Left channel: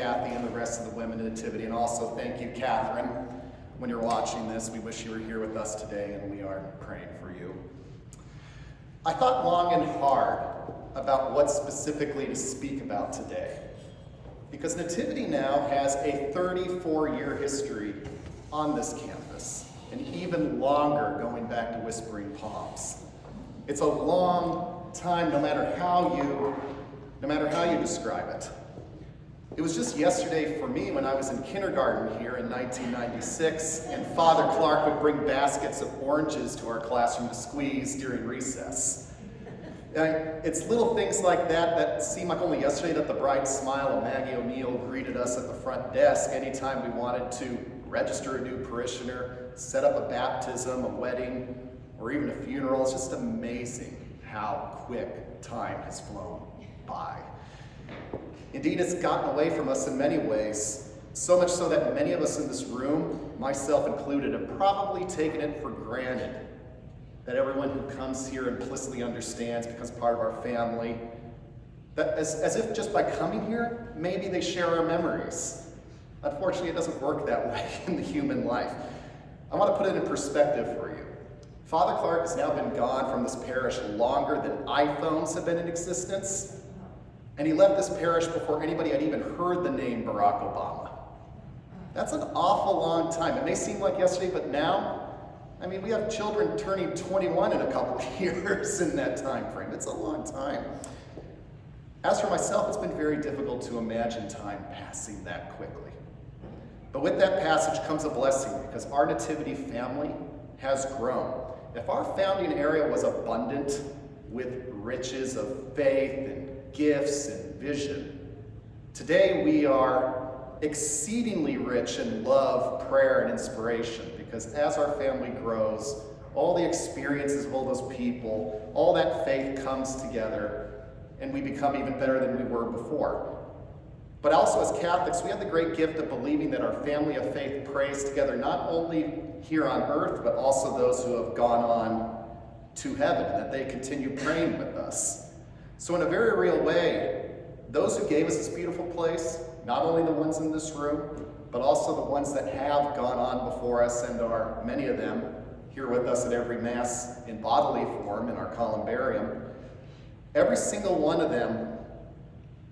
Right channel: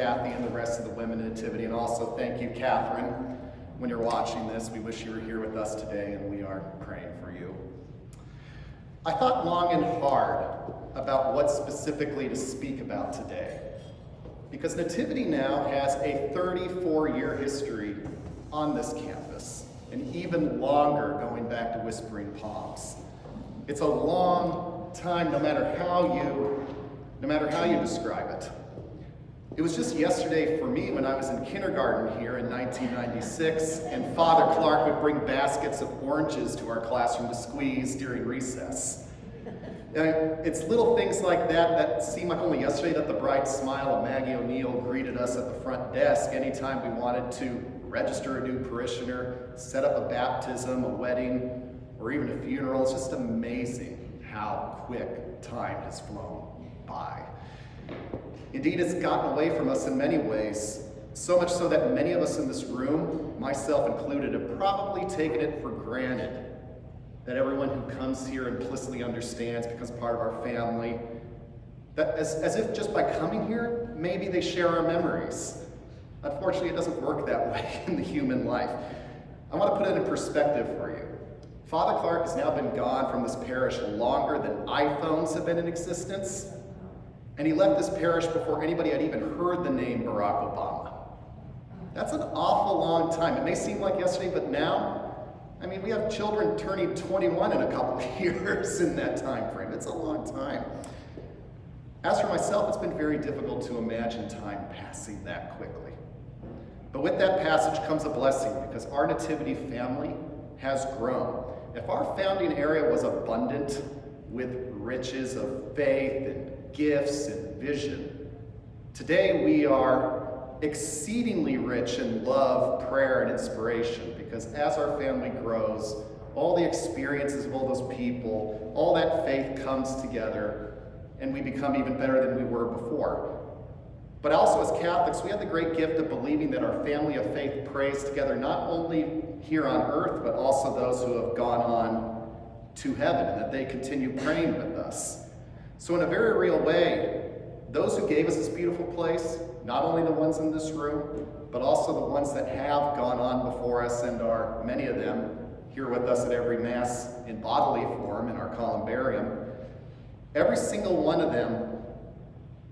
Kathy and the rest of the women in Nativity, and also thank you, Catherine. When you're watching this, we wish you were here with us today, and we are praying for you. I thought long and hard about what specifically to speak about today, because Nativity now has a 34-year history on this campus, and even longer going back to Whispering Palms. It's a long time, no matter how you describe it. It was just yesterday for me when I was in kindergarten here in 1996, and Father Clark would bring baskets of oranges to our classroom to squeeze during recess. And it's little things like that that seem like only yesterday that the bright smile of Maggie O'Neill greeted us at the front desk anytime we wanted to register a new parishioner, set up a baptism, a wedding, or even a funeral. It's just amazing how quick time has flown by. Indeed, it's gotten away from us in many ways, so much so that many of us in this room, myself included, have probably taken it for granted that everyone who comes here implicitly understands, becomes part of our family, that as if just by coming here, maybe they share our memories. Unfortunately, it doesn't work that way in the human life. I want to put it in perspective for you. Father Clark has now been gone from this parish longer than iPhones have been in existence, and he left this parish before anybody had even heard the name Barack Obama. That's an awful long time. It may seem like yesterday, but now, we have children turning 21 in a couple of years in that time frame. It's a long time. As for myself, it's been very difficult to imagine time passing that quickly. But with that passage comes a blessing, because our Nativity family has grown. If our founding area was abundant with riches of faith and gifts and vision, today we are exceedingly rich in love, prayer, and inspiration, because as our family grows, all the experiences of all those people, all that faith comes together, and we become even better than we were before. But also as Catholics, we have the great gift of believing that our family of faith prays together, not only here on earth, but also those who have gone on to heaven, and that they continue praying with us. So in a very real way, those who gave us this beautiful place, not only the ones in this room, but also the ones that have gone on before us and are, many of them, here with us at every Mass in bodily form in our columbarium, every single one of them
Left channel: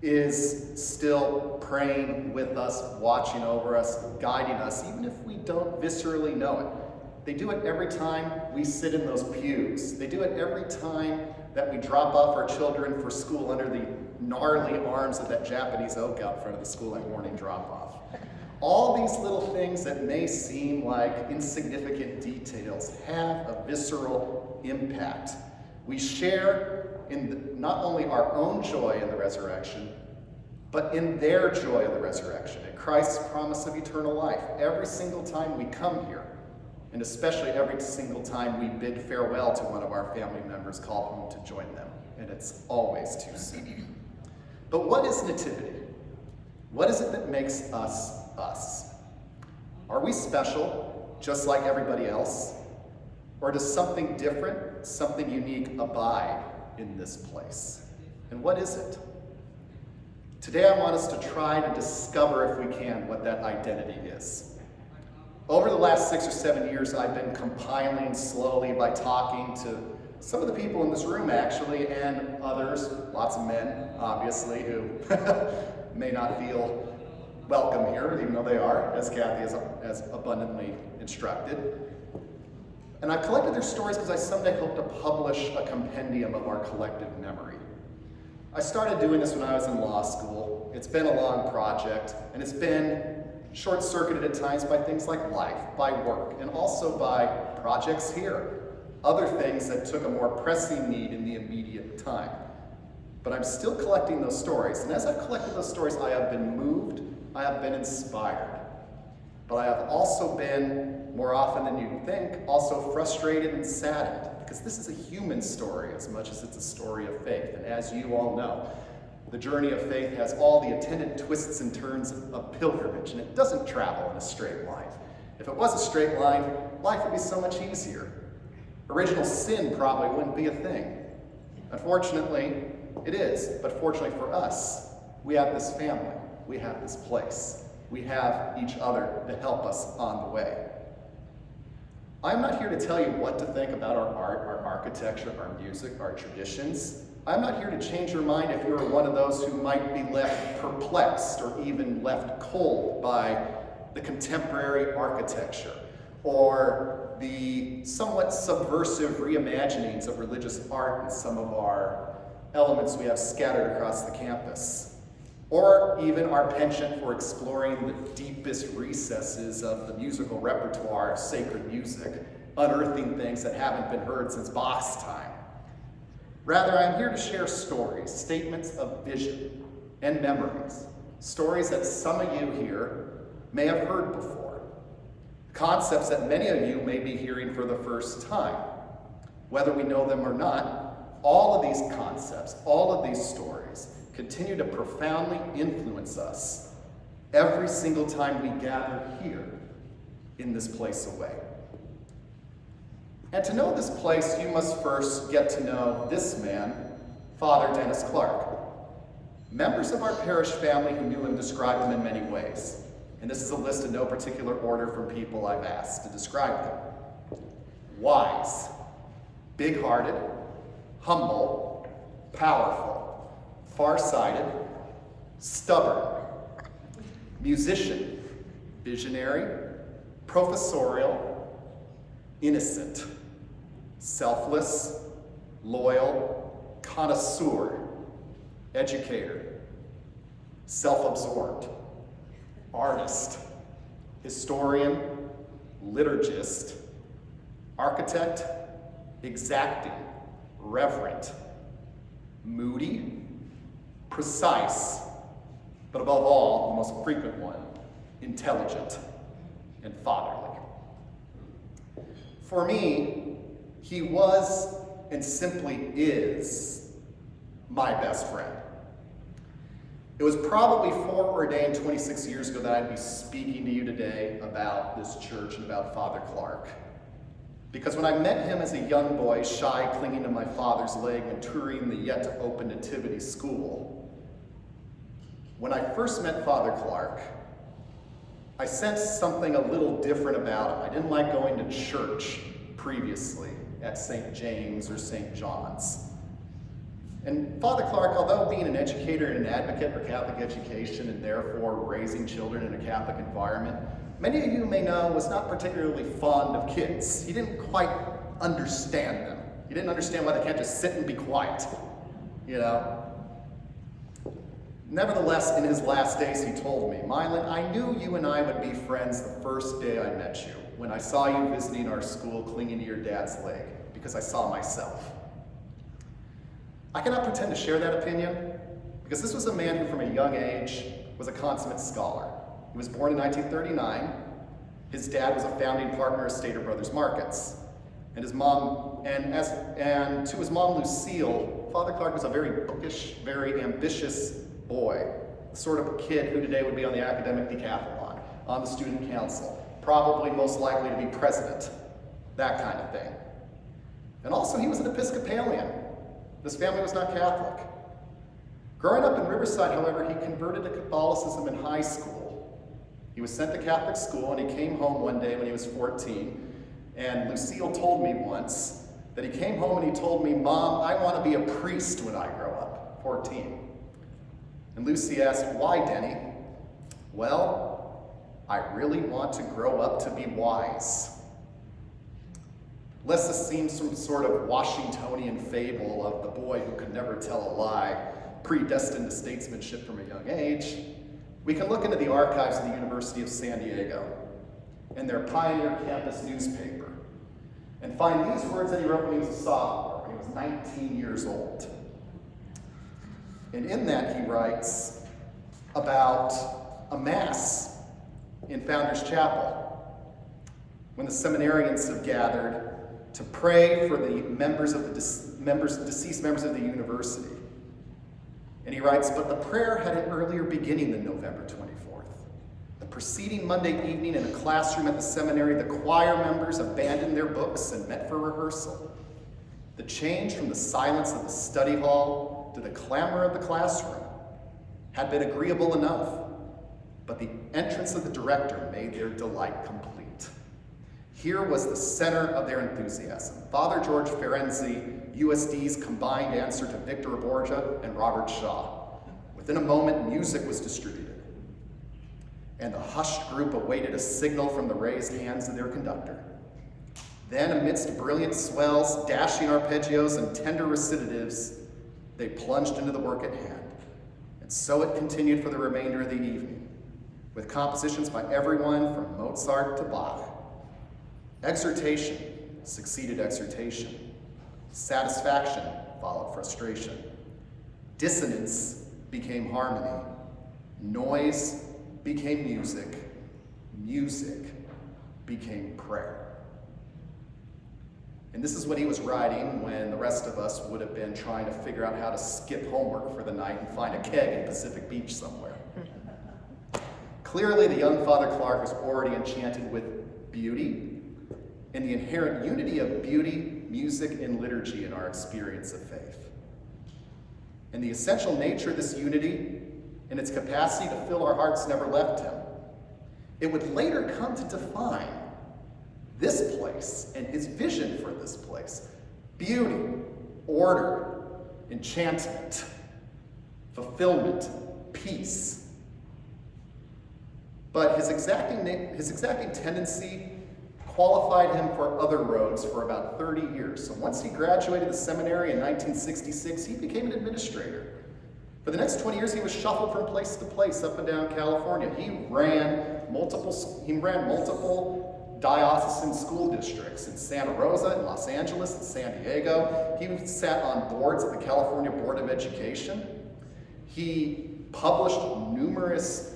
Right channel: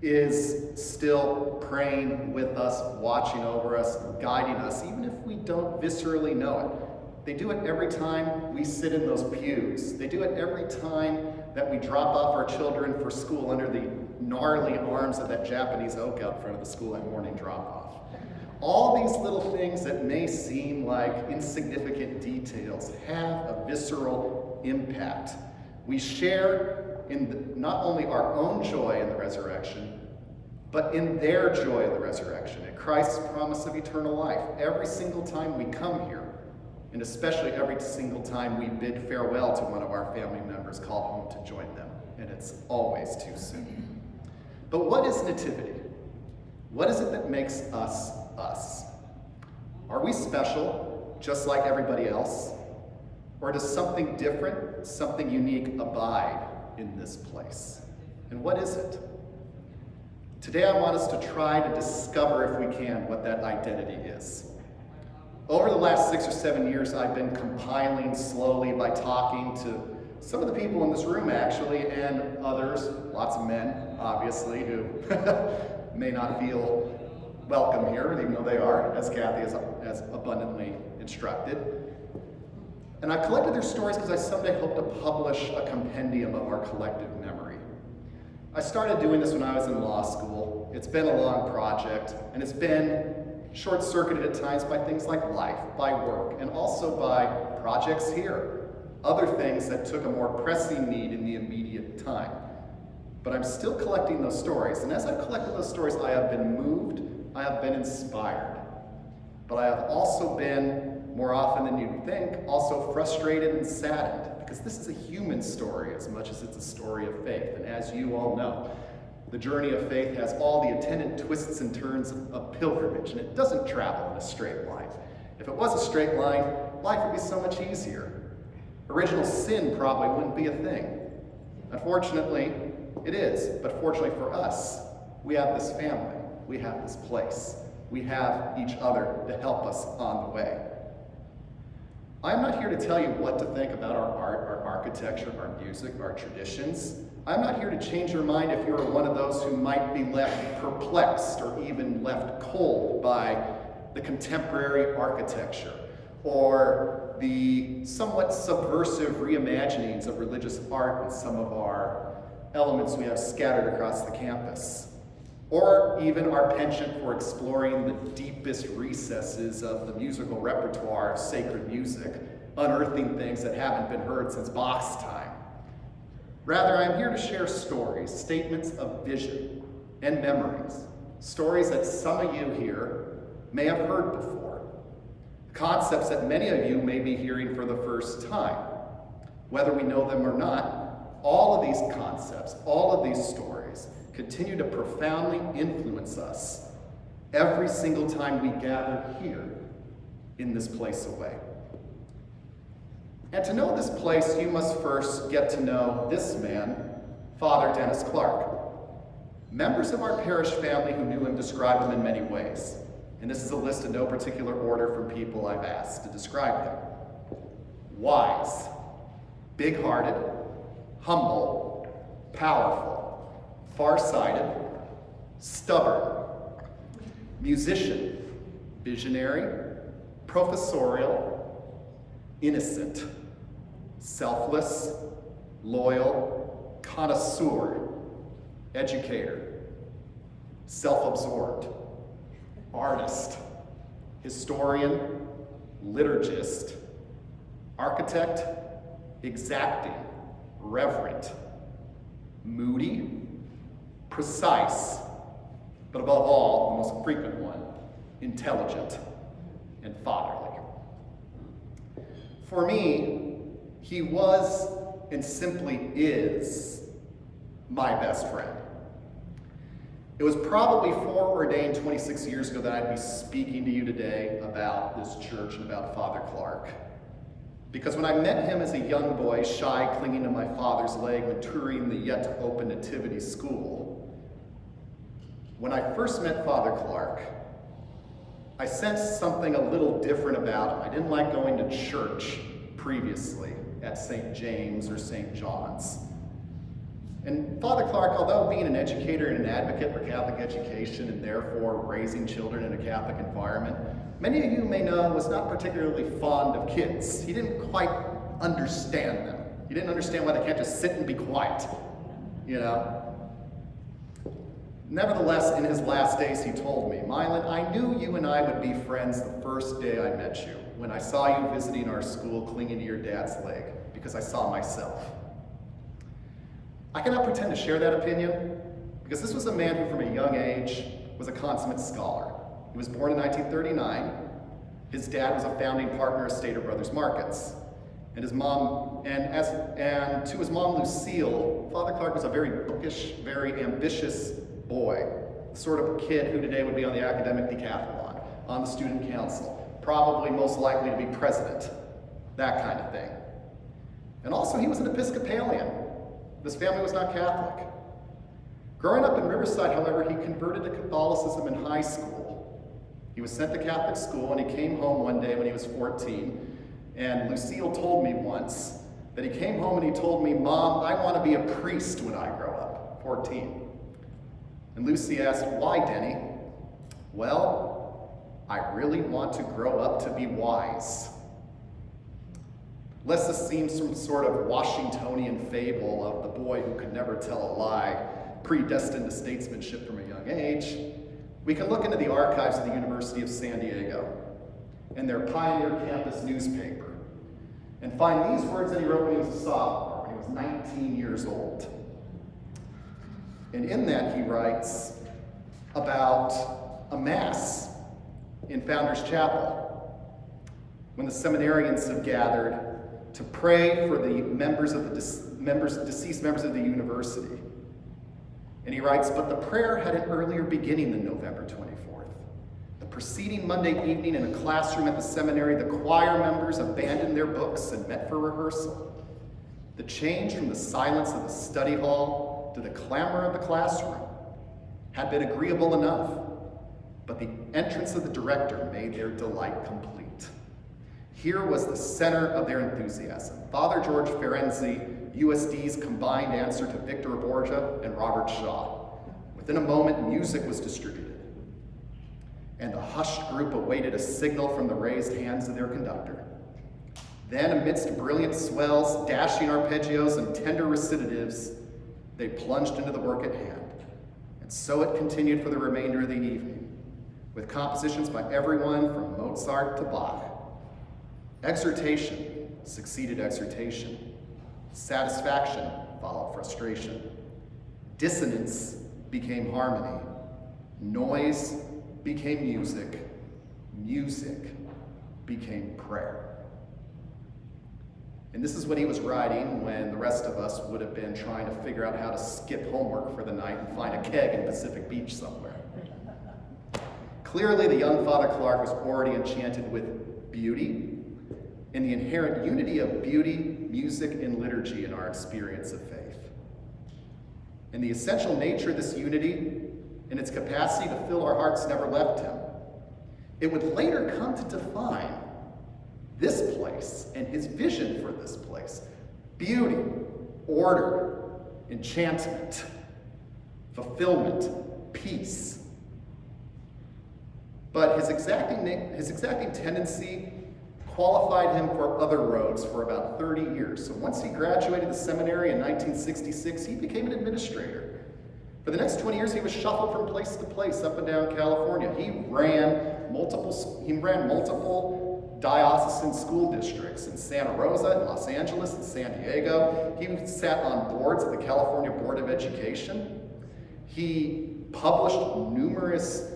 is still praying with us, watching over us, guiding us, even if we don't viscerally know it. They do it every time we sit in those pews. They do it every time that we drop off our children for school under the gnarly arms of that Japanese oak out front of the school at morning drop-off. All these little things that may seem like insignificant details have a visceral impact. We share in not only our own joy in the resurrection, but in their joy of the resurrection, in Christ's promise of eternal life. Every single time we come here, and especially every single time we bid farewell to one of our family members called home to join them, and it's always too soon. But what is Nativity? What is it that makes us us? Are we special, just like everybody else? Or does something different, something unique abide in this place? And what is it? Today I want us to try to discover, if we can, what that identity is. Over the last 6 or 7 years, I've been compiling slowly by talking to some of the people in this room, actually, and others, lots of men, obviously, who may not feel welcome here, even though they are, as Kathy has abundantly instructed. And I've collected their stories because I someday hope to publish a compendium of our collective memory. I started doing this when I was in law school. It's been a long project, and it's been short-circuited at times by things like life, by work, and also by projects here, other things that took a more pressing need in the immediate time. But I'm still collecting those stories, and as I've collected those stories, I have been moved, I have been inspired, but I have also been, more often than you'd think, also frustrated and saddened, because this is a human story as much as it's a story of faith, and as you all know, the journey of faith has all the attendant twists and turns of pilgrimage, and it doesn't travel in a straight line. If it was a straight line, life would be so much easier. Original sin probably wouldn't be a thing. Unfortunately, it is, but fortunately for us, we have this family. We have this place. We have each other to help us on the way. I'm not here to tell you what to think about our art, our architecture, our music, our traditions. I'm not here to change your mind if you're one of those who might be left perplexed or even left cold by the contemporary architecture or the somewhat subversive reimaginings of religious art and some of our elements we have scattered across the campus, or even our penchant for exploring the deepest recesses of the musical repertoire of sacred music, unearthing things that haven't been heard since Bach's time. Rather, I'm here to share stories, statements of vision and memories, stories that some of you here may have heard before, concepts that many of you may be hearing for the first time. Whether we know them or not, all of these concepts, all of these stories continue to profoundly influence us every single time we gather here in this place away. And to know this place, you must first get to know this man, Father Dennis Clark. Members of our parish family who knew him describe him in many ways. And this is a list in no particular order from people I've asked to describe him. Wise, big-hearted, humble, powerful, far-sighted, stubborn, musician, visionary, professorial, innocent, selfless, loyal, connoisseur, educator, self-absorbed, artist, historian, liturgist, architect, exacting, reverent, moody, precise, but above all, the most frequent one, intelligent and fatherly. For me, he was and simply is my best friend. It was probably foreordained 26 years ago that I'd be speaking to you today about this church and about Father Clark. Because when I met him as a young boy, shy, clinging to my father's leg when touring the yet-to-open Nativity school, when I first met Father Clark, I sensed something a little different about him. I didn't like going to church previously at St. James or St. John's. And Father Clark, although being an educator and an advocate for Catholic education and therefore raising children in a Catholic environment, many of you may know was not particularly fond of kids. He didn't quite understand them. He didn't understand why they can't just sit and be quiet, you know? Nevertheless, in his last days, he told me, Milan, I knew you and I would be friends the first day I met you, when I saw you visiting our school clinging to your dad's leg, because I saw myself. I cannot pretend to share that opinion, because this was a man who from a young age was a consummate scholar. He was born in 1939. His dad was a founding partner of Stater Brothers Markets. And his mom, and to his mom Lucille, Father Clark was a very bookish, very ambitious boy, the sort of kid who today would be on the academic decathlon, on the student council, probably most likely to be president, that kind of thing. And also he was an Episcopalian. This family was not Catholic. Growing up in Riverside, however, he converted to Catholicism in high school. He was sent to Catholic school and he came home one day when he was 14, and Lucille told me once that he came home and he told me, Mom, I want to be a priest when I grow up, 14. And Lucy asked, why, Denny? Well, I really want to grow up to be wise. Lest this seems some sort of Washingtonian fable of the boy who could never tell a lie, predestined to statesmanship from a young age, we can look into the archives of the University of San Diego and their pioneer campus newspaper and find these words that he wrote when he was a sophomore, when he was 19 years old. And in that he writes about a mass in Founders Chapel when the seminarians have gathered to pray for the deceased members of the university. And he writes, but the prayer had an earlier beginning than November 24th. The preceding Monday evening in a classroom at the seminary, the choir members abandoned their books and met for rehearsal. The change from the silence of the study hall to the clamor of the classroom had been agreeable enough. but the entrance of the director made their delight complete. Here was the center of their enthusiasm. Father George Ferenczi, USD's combined answer to Victor Borgia and Robert Shaw. Within a moment, music was distributed, and the hushed group awaited a signal from the raised hands of their conductor. Then, amidst brilliant swells, dashing arpeggios, and tender recitatives, they plunged into the work at hand. And so it continued for the remainder of the evening, with compositions by everyone from Mozart to Bach. Exhortation succeeded exhortation. Satisfaction followed frustration. Dissonance became harmony. Noise became music. Music became prayer. And this is what he was writing when the rest of us would have been trying to figure out how to skip homework for the night and find a keg in Pacific Beach somewhere. Clearly, the young Father Clark was already enchanted with beauty and the inherent unity of beauty, music, and liturgy in our experience of faith. And the essential nature of this unity and its capacity to fill our hearts never left him. It would later come to define this place and his vision for this place. Beauty, order, enchantment, fulfillment, peace. But his exacting tendency qualified him for other roads for about 30 years. So once he graduated the seminary in 1966, he became an administrator. For the next 20 years, he was shuffled from place to place up and down California. He ran multiple diocesan school districts in Santa Rosa, in Los Angeles, and San Diego. He sat on boards of the California Board of Education. He published numerous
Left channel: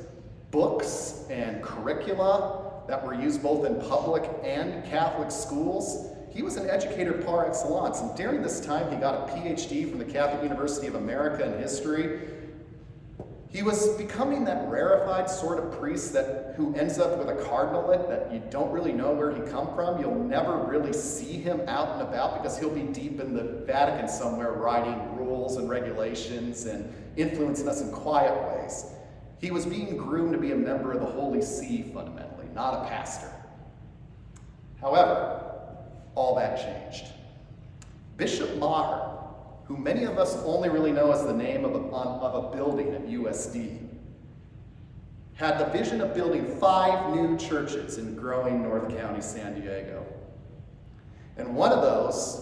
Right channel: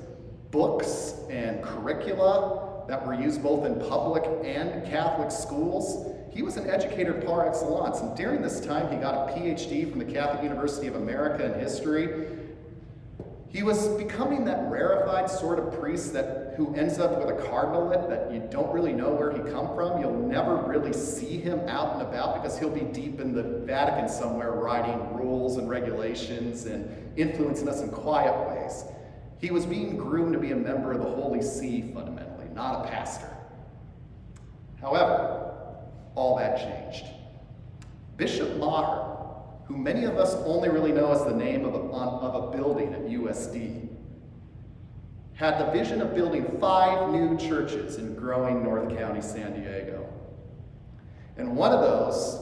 books and curricula that were used both in public and Catholic schools. He was an educator par excellence, and during this time he got a PhD from the Catholic University of America in history. He was becoming that rarefied sort of priest who ends up with a cardinalate that you don't really know where he come from. You'll never really see him out and about because he'll be deep in the Vatican somewhere writing rules and regulations and influencing us in quiet ways. He was being groomed to be a member of the Holy See fundamentally, not a pastor. However, all that changed. Bishop Maher, who many of us only really know as the name of a building at USD, had the vision of building 5 new churches in growing North County, San Diego. And one of those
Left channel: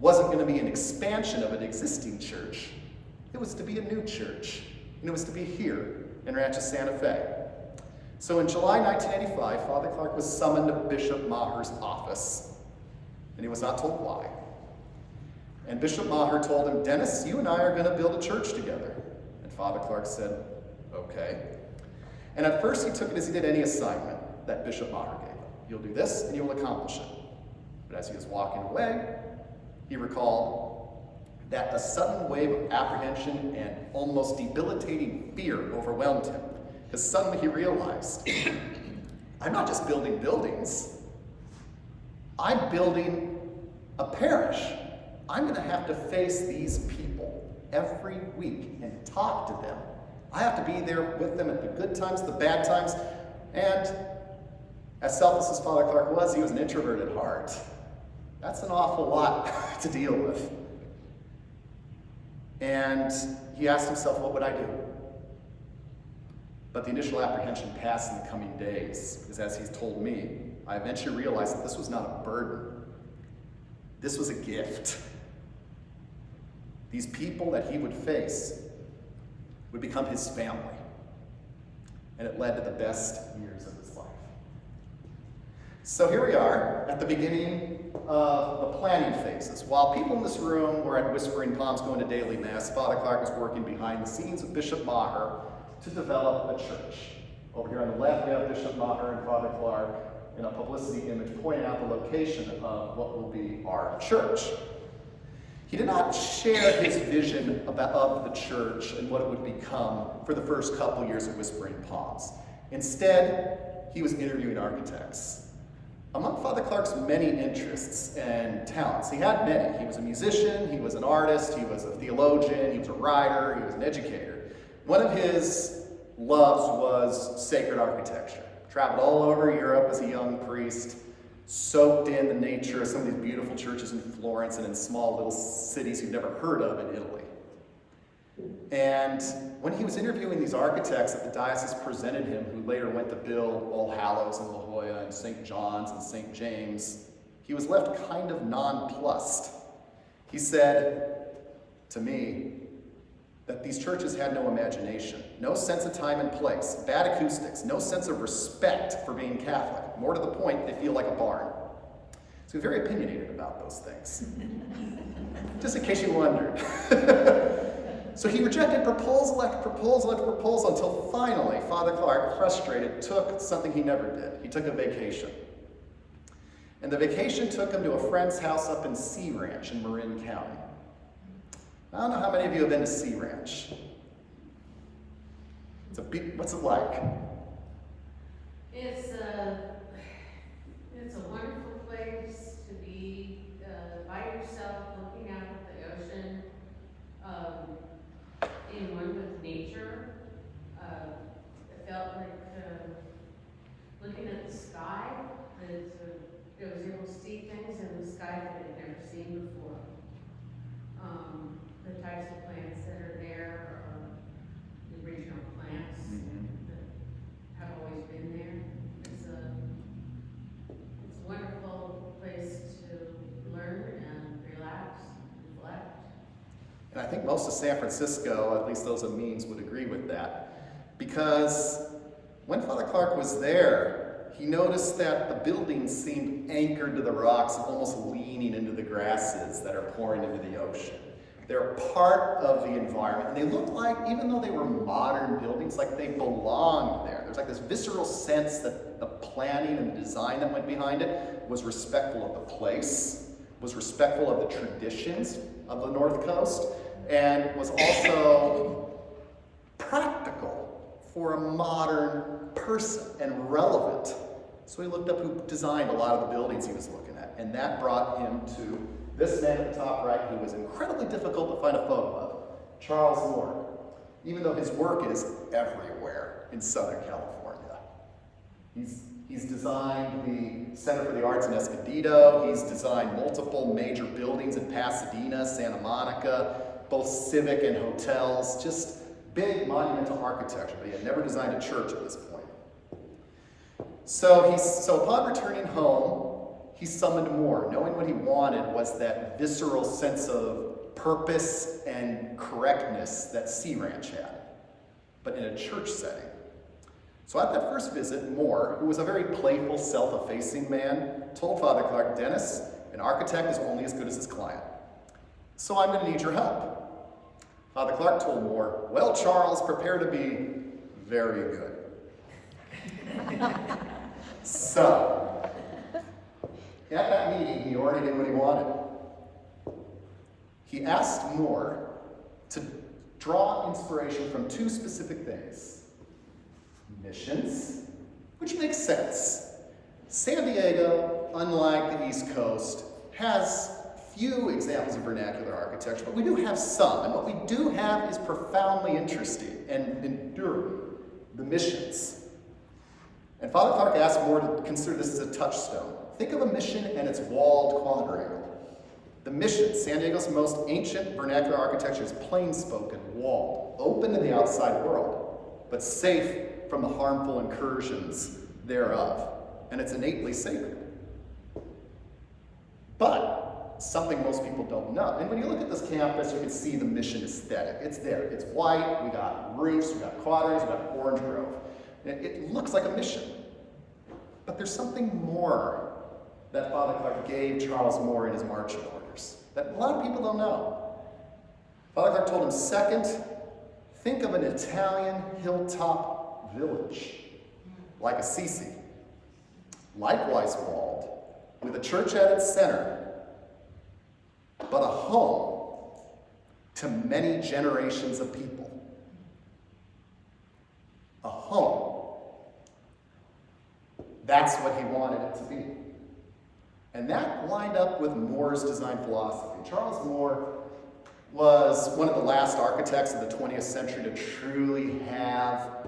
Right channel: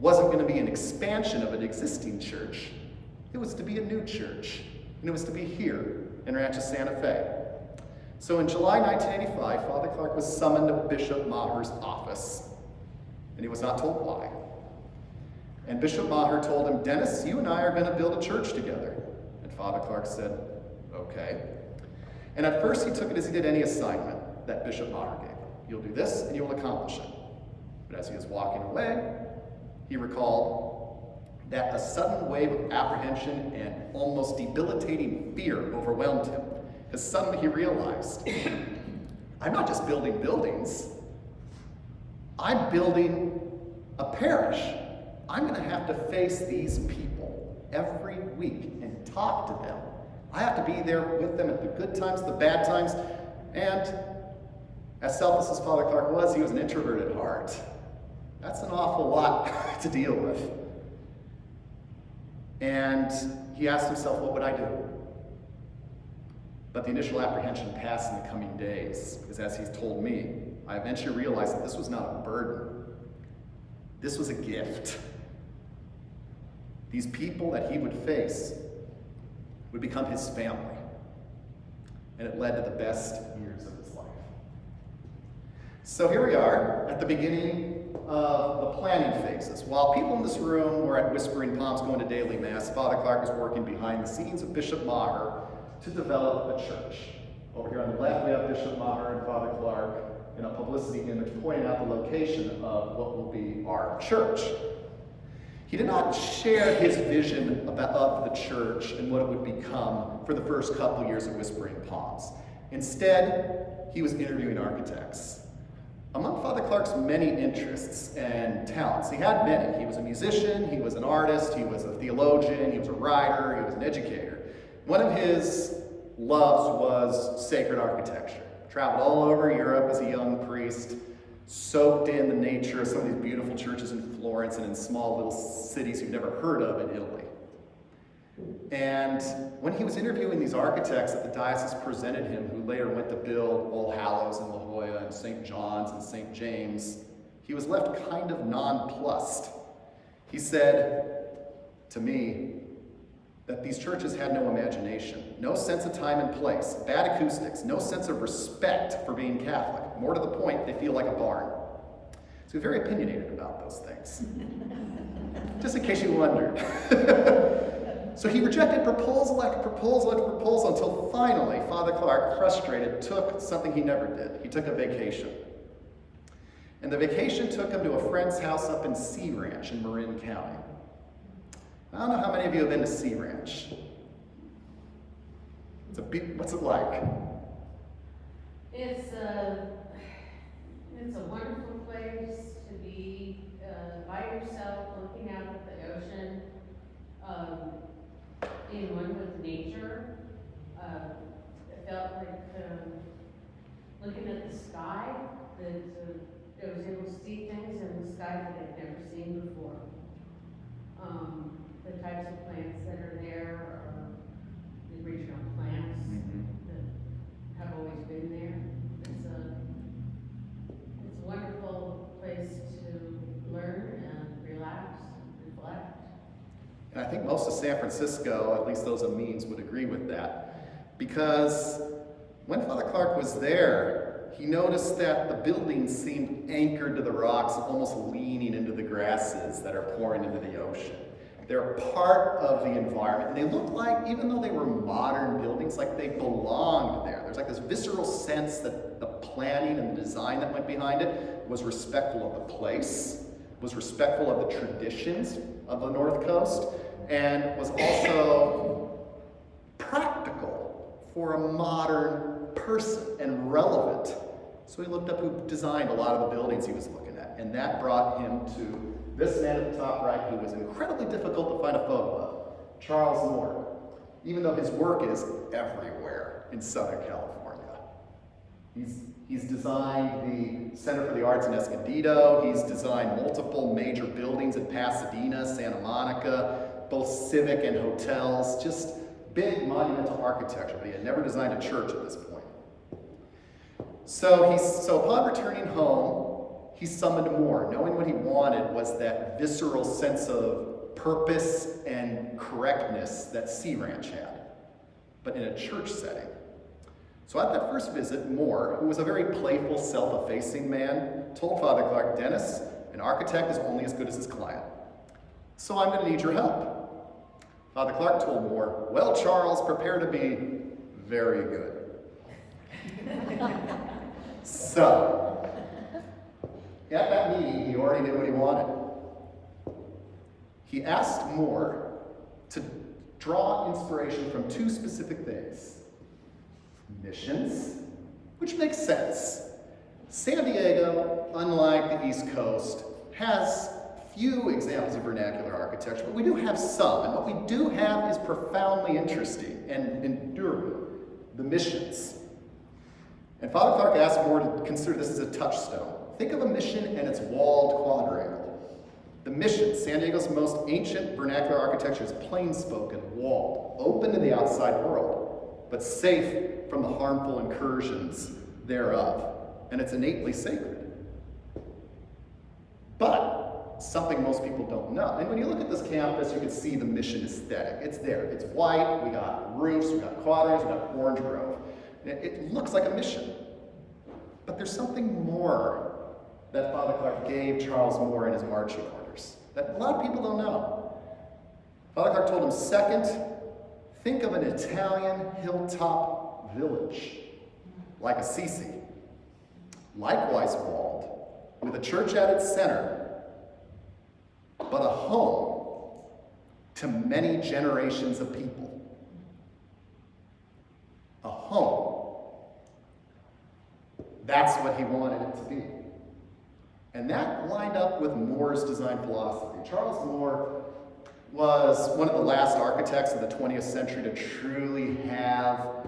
wasn't going to be an expansion of an existing church. It was to be a new church, and it was to be here in Rancho Santa Fe. So in July 1985, Father Clark was summoned to Bishop Maher's office, and he was not told why. And Bishop Maher told him, "Dennis, you and I are going to build a church together." And Father Clark said, "Okay." And at first he took it as he did any assignment that Bishop Maher gave him. "You'll do this and you'll accomplish it." But as he was walking away, he recalled that a sudden wave of apprehension and almost debilitating fear overwhelmed him, because suddenly he realized, I'm not just building buildings, I'm building a parish. I'm going to have to face these people every week and talk to them. I have to be there with them at the good times, the bad times, and as selfless as Father Clark was, he was an introvert at heart. That's an awful lot to deal with. And he asked himself, what would I do? But the initial apprehension passed in the coming days, because as he's told me, I eventually realized that this was not a burden. This was a gift. These people that he would face would become his family. And it led to the best years of his life. So here we are at the beginning of the planning phases. While people in this room were at Whispering Palms going to daily mass, Father Clark was working behind the scenes with Bishop Maher to develop a church. Over here on the left, we have Bishop Maher and Father Clark in a publicity image pointing out the location of what will be our church. He did not share his vision of the church and what it would become for the first couple years of Whispering Palms. Instead, he was interviewing architects. Among Father Clark's many interests and talents, he had many. He was a musician, he was an artist, he was a theologian, he was a writer, he was an educator. One of his loves was sacred architecture. Traveled all over Europe as a young priest, soaked in the nature of some of these beautiful churches in Florence and in small little cities you've never heard of in Italy. And when he was interviewing these architects that the diocese presented him, who later went to build All Hallows and La Jolla and St. John's and St. James, he was left kind of nonplussed. He said to me that these churches had no imagination, no sense of time and place, bad acoustics, no sense of respect for being Catholic. More to the point, they feel like a barn. So he's very opinionated about those things. Just in case you wondered. So he rejected proposal after proposal after proposal until finally Father Clark, frustrated, took something he never did. He took a vacation. And the vacation took him to a friend's house up in Sea Ranch in Marin County. I don't know how many of you have been to Sea Ranch. What's it like? It's a wonderful place to be by yourself, looking out at the ocean, in one with nature. It felt like looking at the sky. It was able to see things in the sky that I'd never seen before. The types of plants that are there are the original plants that have always been there. It's a wonderful place to learn and relax, reflect. And I think most of San Francisco, at least those Amines, would agree with that. Because when Father Clark was there, he noticed that the buildings seemed anchored to the rocks, almost leaning into the grasses that are pouring into the ocean. They're part of the environment. And they looked like, even though they were modern buildings, like they belonged there. There's like this visceral sense that the planning and the design that went behind it was respectful of the place, was respectful of the traditions of the North Coast, and was also practical for a modern person and relevant. So he looked up who designed a lot of the buildings he was looking at, and that brought him to this man at the top right, who was incredibly difficult to find a photo of, Charles Moore, even though his work is everywhere in Southern California. He's designed the Center for the Arts in Escondido. He's designed multiple major buildings in Pasadena, Santa Monica, both civic and hotels, just big monumental architecture, but he had never designed a church at this point. So upon returning home, he summoned more. Knowing what he wanted was that visceral sense of purpose and correctness that Sea Ranch had, but in a church setting. So at that first visit, Moore, who was a very playful, self-effacing man, told Father Clark, "Dennis, an architect is only as good as his client. So I'm going to need your help." Father Clark told Moore, "Well, Charles, prepare to be very good." So, at that meeting, he already knew what he wanted. He asked Moore to draw inspiration from two specific things. Missions, which makes sense. San Diego, unlike the East Coast, has few examples of vernacular architecture, but we do have some. And what we do have is profoundly interesting and enduring: the missions. And Father Clark asked Moore to consider this as a touchstone. Think of a mission and its walled quadrangle. The mission, San Diego's most ancient vernacular architecture, is plain-spoken, walled, open to the outside world, but safe from the harmful incursions thereof. And it's innately sacred. But something most people don't know. And when you look at this campus, you can see the mission aesthetic. It's there. It's white. We got roofs. We got quadrangles. We got orange grove. It looks like a mission. But there's something more that Father Clark gave Charles Moore in his marching orders that a lot of people don't know. Father Clark told him, second, think of an Italian hilltop village, like Assisi, likewise walled, with a church at its center, but a home to many generations of people. A home. That's what he wanted it to be. And that lined up with Moore's design philosophy. Charles Moore was one of the last architects of the 20th century to truly have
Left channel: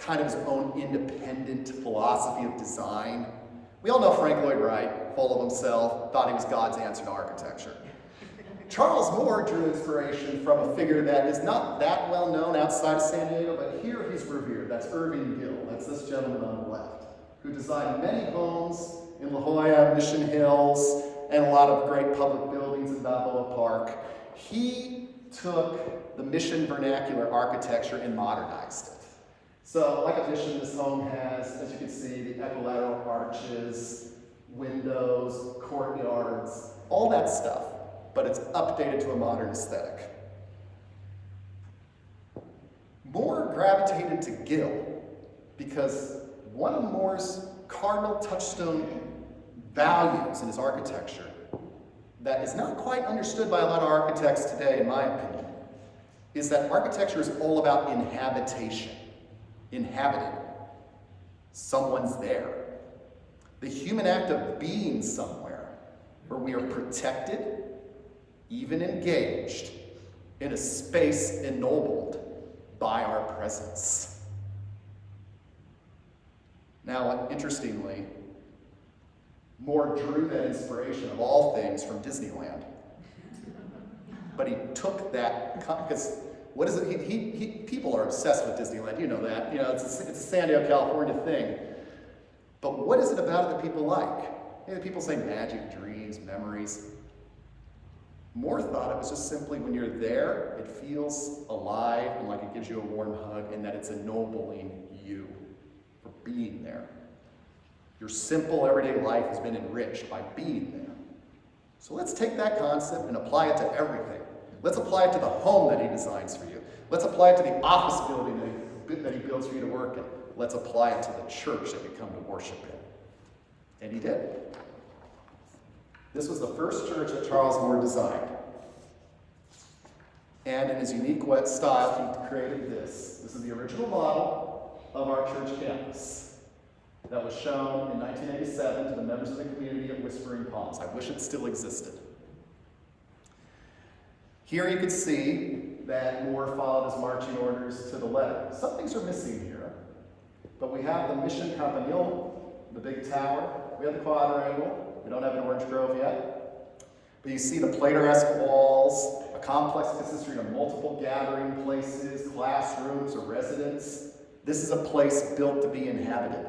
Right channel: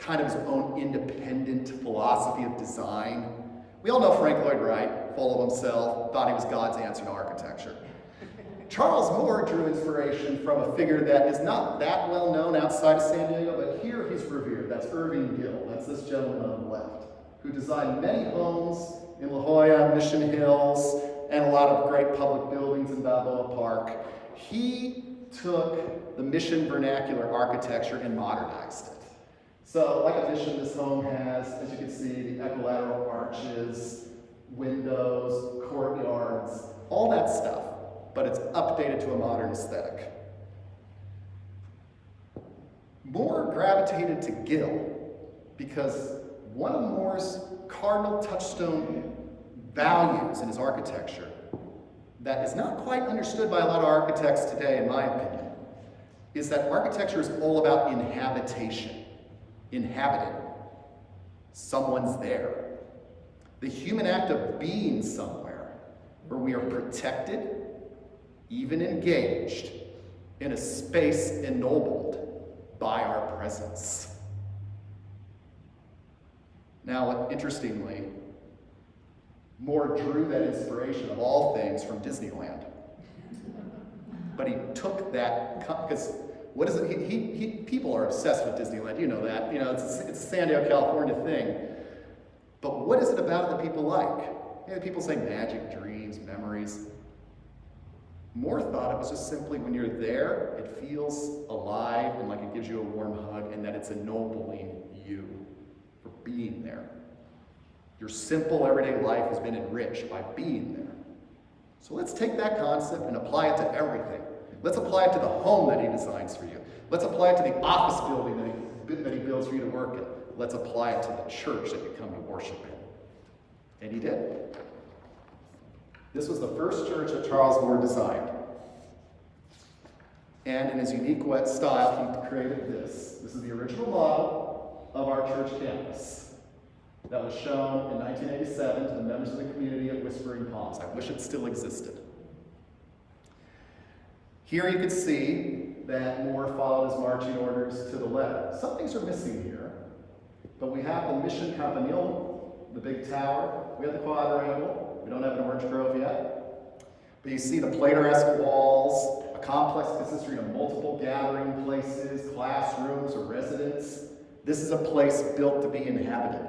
kind of his own independent philosophy of design. We all know Frank Lloyd Wright, full of himself, thought he was God's answer to architecture. Charles Moore drew inspiration from a figure that is not that well known outside of San Diego, but here he's revered. That's Irving Gill. That's this gentleman on the left, who designed many homes in La Jolla, Mission Hills, and a lot of great public buildings in Balboa Park. He took the Mission vernacular architecture and modernized it. So, like a Mission, this home has, as you can see, the equilateral arches, windows, courtyards, all that stuff, but it's updated to a modern aesthetic. Moore gravitated to Gill because one of Moore's cardinal touchstone values in his architecture that is not quite understood by a lot of architects today, in my opinion, is that architecture is all about inhabitation. Inhabited. Someone's there. The human act of being somewhere where we are protected, even engaged, in a space ennobled by our presence. Now, interestingly, Moore drew that inspiration of all things from Disneyland. But he took that, because what is it? People are obsessed with Disneyland, you know that. You know, it's a San Diego, California thing. But what is it about it that people like? You know, people say magic, dreams, memories. Moore thought it was just simply when you're there, it feels alive and like it gives you a warm hug, and that it's ennobling you for being there. Your simple everyday life has been enriched by being there. So let's take that concept and apply it to everything. Let's apply it to the home that he designs for you. Let's apply it to the office building that he builds for you to work in. Let's apply it to the church that you come to worship in. And he did. This was the first church that Charles Moore designed. And in his unique wet style, he created this. This is the original model of our church campus that was shown in 1987 to the members of the community at Whispering Palms. I wish it still existed. Here you can see that Moore followed his marching orders to the letter. Some things are missing here, but we have the Mission Campanile, the big tower. We have the quadrangle. We don't have an orange grove yet. But you see the Plato-esque walls, a complex consisting of multiple gathering places, classrooms, or residence. This is a place built to be inhabited.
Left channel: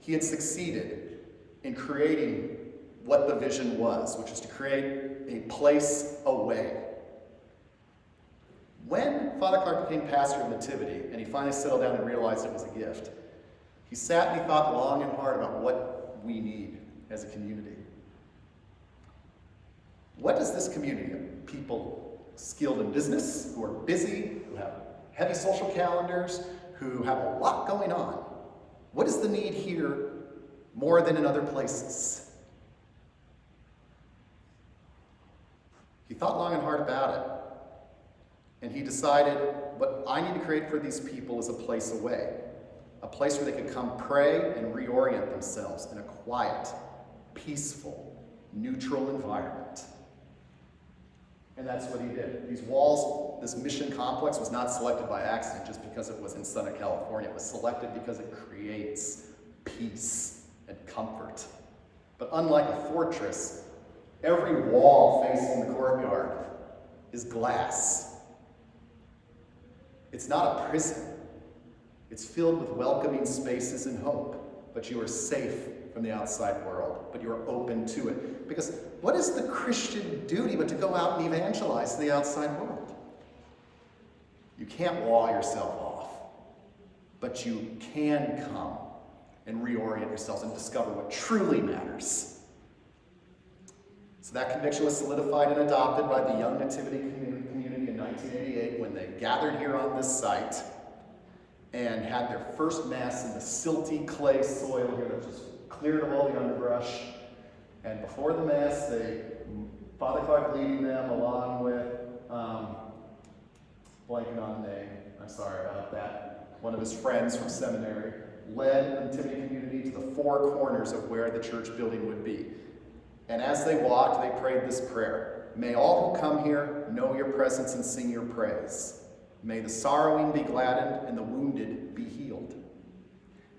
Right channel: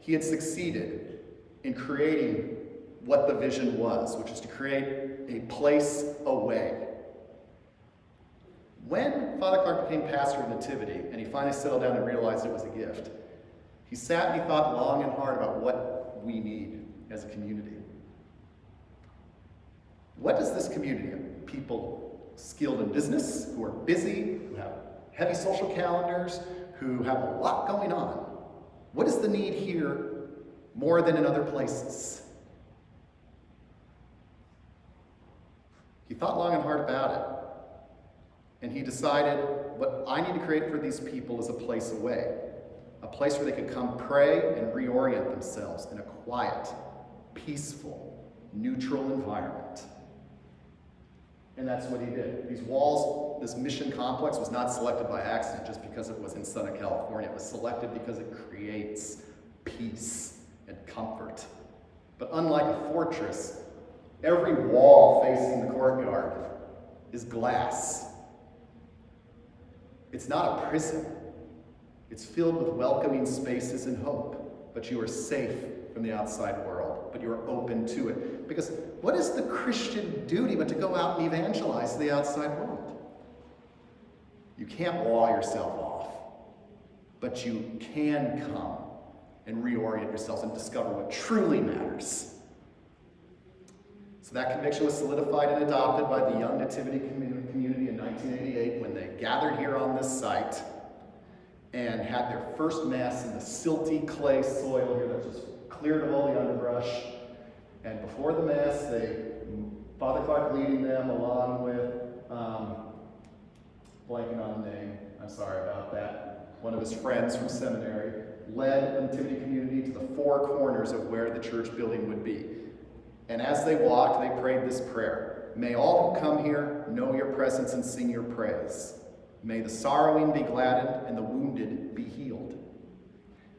He had succeeded in creating what the vision was, which is to create a place away. When Father Clark became pastor of Nativity, and he finally settled down and realized it was a gift, he sat and he thought long and hard about what we need as a community. What does this community of people skilled in business, who are busy, who have heavy social calendars, who have a lot going on, what is the need here more than in other places? He thought long and hard about it, and he decided what I need to create for these people is a place away, a place where they could come pray and reorient themselves in a quiet, peaceful, neutral environment. And that's what he did. These walls, this mission complex was not selected by accident just because it was in Southern California. It was selected because it creates peace and comfort. But unlike a fortress, every wall facing the courtyard is glass. It's not a prison. It's filled with welcoming spaces and hope, but you are safe from the outside world, but you are open to it. Because what is the Christian duty but to go out and evangelize to the outside world? You can't wall yourself off, but you can come and reorient yourself and discover what truly matters. So that conviction was solidified and adopted by the Young Nativity community in 1988 when they gathered here on this site and had their first mass in the silty clay soil here that just cleared of all the underbrush. And before the mass, Father Clark leading them along with, blanking on the name, I'm sorry about that, one of his friends from seminary, led the Nativity community to the four corners of where the church building would be. And as they walked, they prayed this prayer: "May all who come here know your presence and sing your praise. May the sorrowing be gladdened and the wounded be healed.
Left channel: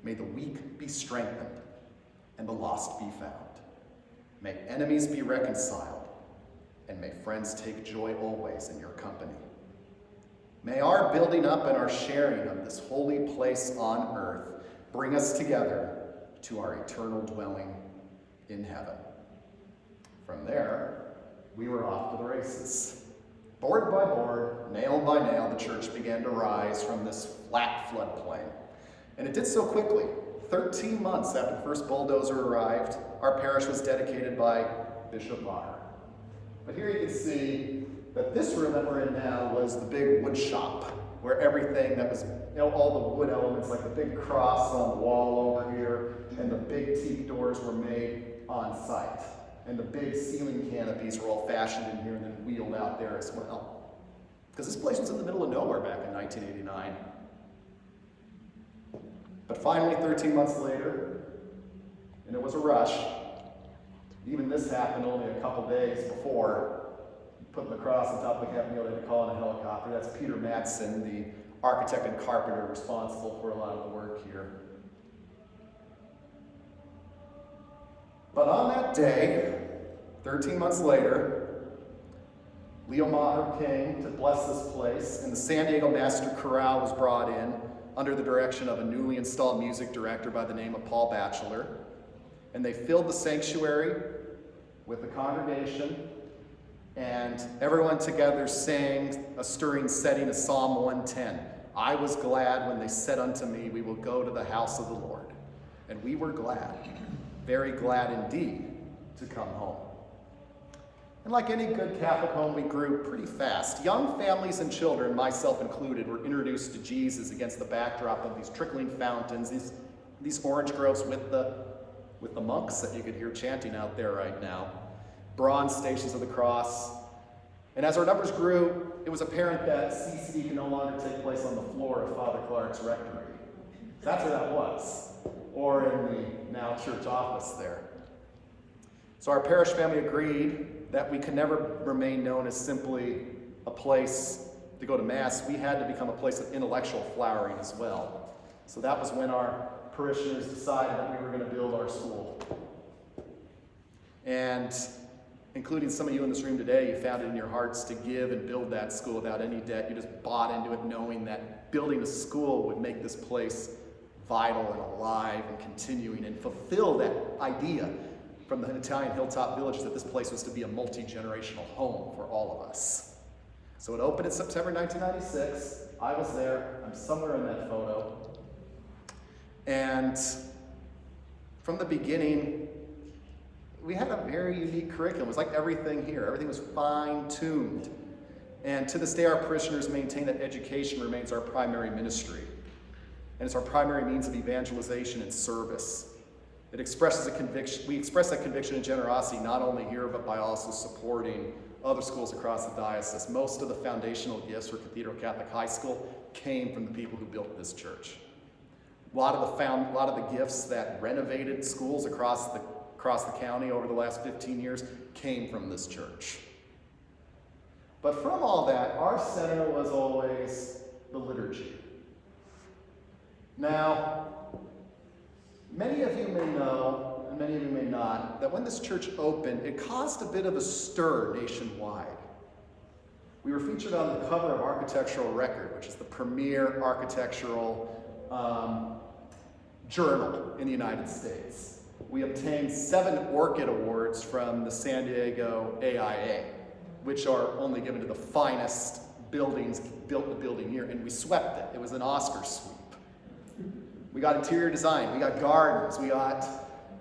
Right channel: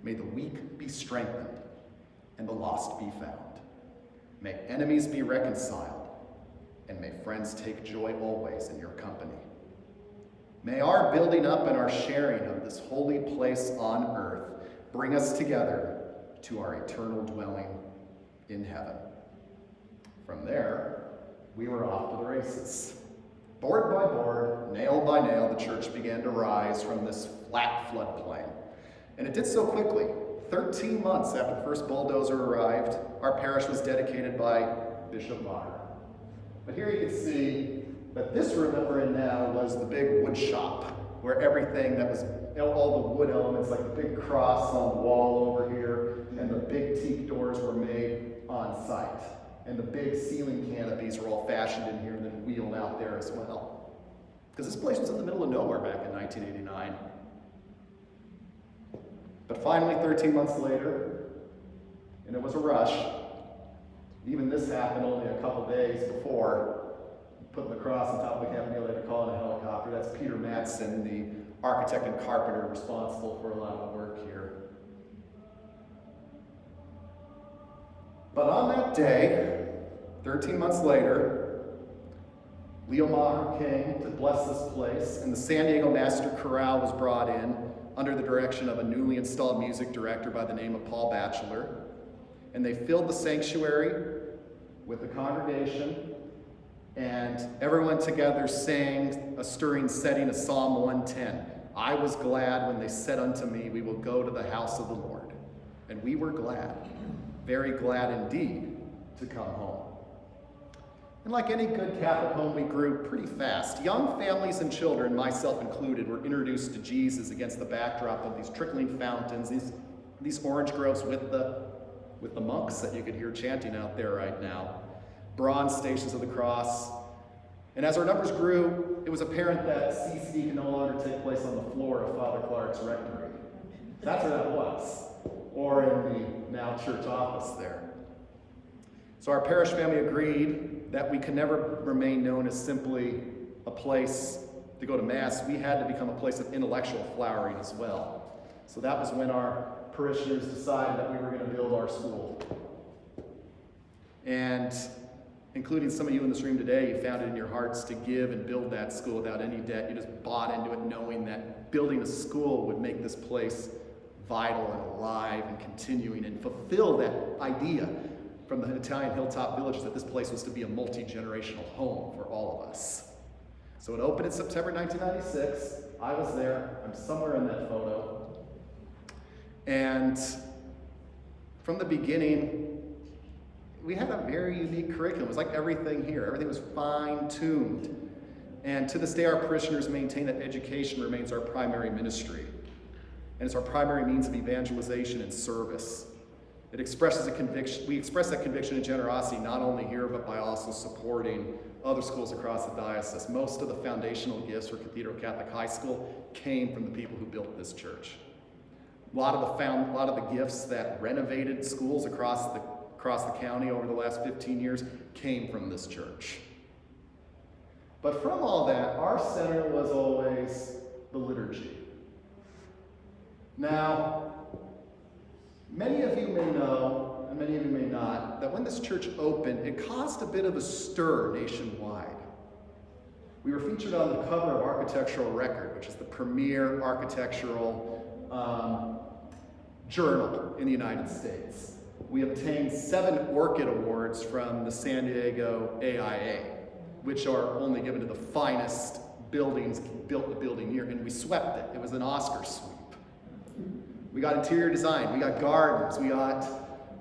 May the weak be strengthened and the lost be found. May enemies be reconciled, and may friends take joy always in your company. May our building up and our sharing of this holy place on earth bring us together to our eternal dwelling in heaven. From there, we were off to the races. Board by board, nail by nail, the church began to rise from this flat floodplain. And it did so quickly. 13 months after the first bulldozer arrived, our parish was dedicated by Bishop Maher. But here you can see that this room that we're in now was the big wood shop, where everything that was, all the wood elements, like the big cross on the wall over here, and the big teak doors were made on site. And the big ceiling canopies were all fashioned in here and then wheeled out there as well. Because this place was in the middle of nowhere back in 1989. But finally, 13 months later, and it was a rush, even this happened only a couple days before putting the cross on top of the campanile. They had to call in a helicopter. That's Peter Madsen, the architect and carpenter responsible for a lot of the work here. But on that day, 13 months later, Leo Maher came to bless this place, and the San Diego Master Chorale was brought in under the direction of a newly installed music director by the name of Paul Batchelor. And they filled the sanctuary with the congregation, and everyone together sang a stirring setting of Psalm 110. I was glad when they said unto me, we will go to the house of the Lord. And we were glad, very glad indeed, to come home. And like any good Catholic home, we grew pretty fast. Young families and children, myself included, were introduced to Jesus against the backdrop of these trickling fountains, these orange groves with the monks that you could hear chanting out there right now, bronze stations of the cross. And as our numbers grew, it was apparent that CCD could no longer take place on the floor of Father Clark's rectory. That's where that was, or in the now church office there. So our parish family agreed that we could never remain known as simply a place to go to Mass. We had to become a place of intellectual flowering as well. So that was when our parishioners decided that we were going to build our school. And including some of you in this room today, you found it in your hearts to give and build that school without any debt. You just bought into it knowing that building a school would make this place vital and alive and continuing and fulfill that idea from the Italian hilltop villages that this place was to be a multi-generational home for all of us. So it opened in September 1996. I was there. I'm somewhere in that photo. And from the beginning, we had a very unique curriculum. It was like everything here. Everything was fine-tuned. And to this day, our parishioners maintain that education remains our primary ministry. And it's our primary means of evangelization and service. It expresses a conviction. We express that conviction and generosity not only here, but by also supporting other schools across the diocese. Most of the foundational gifts for Cathedral Catholic High School came from the people who built this church. A lot of the gifts that renovated schools across the county over the last 15 years came from this church. But from all that, our center was always the liturgy. Now, many of you may know, and many of you may not, that when this church opened, it caused a bit of a stir nationwide. We were featured on the cover of Architectural Record, which is the premier architectural journal in the United States. We obtained 7 Orchid Awards from the San Diego AIA, which are only given to the finest buildings built the building year, and we swept it. It was an Oscar sweep. We got interior design, we got gardens, we got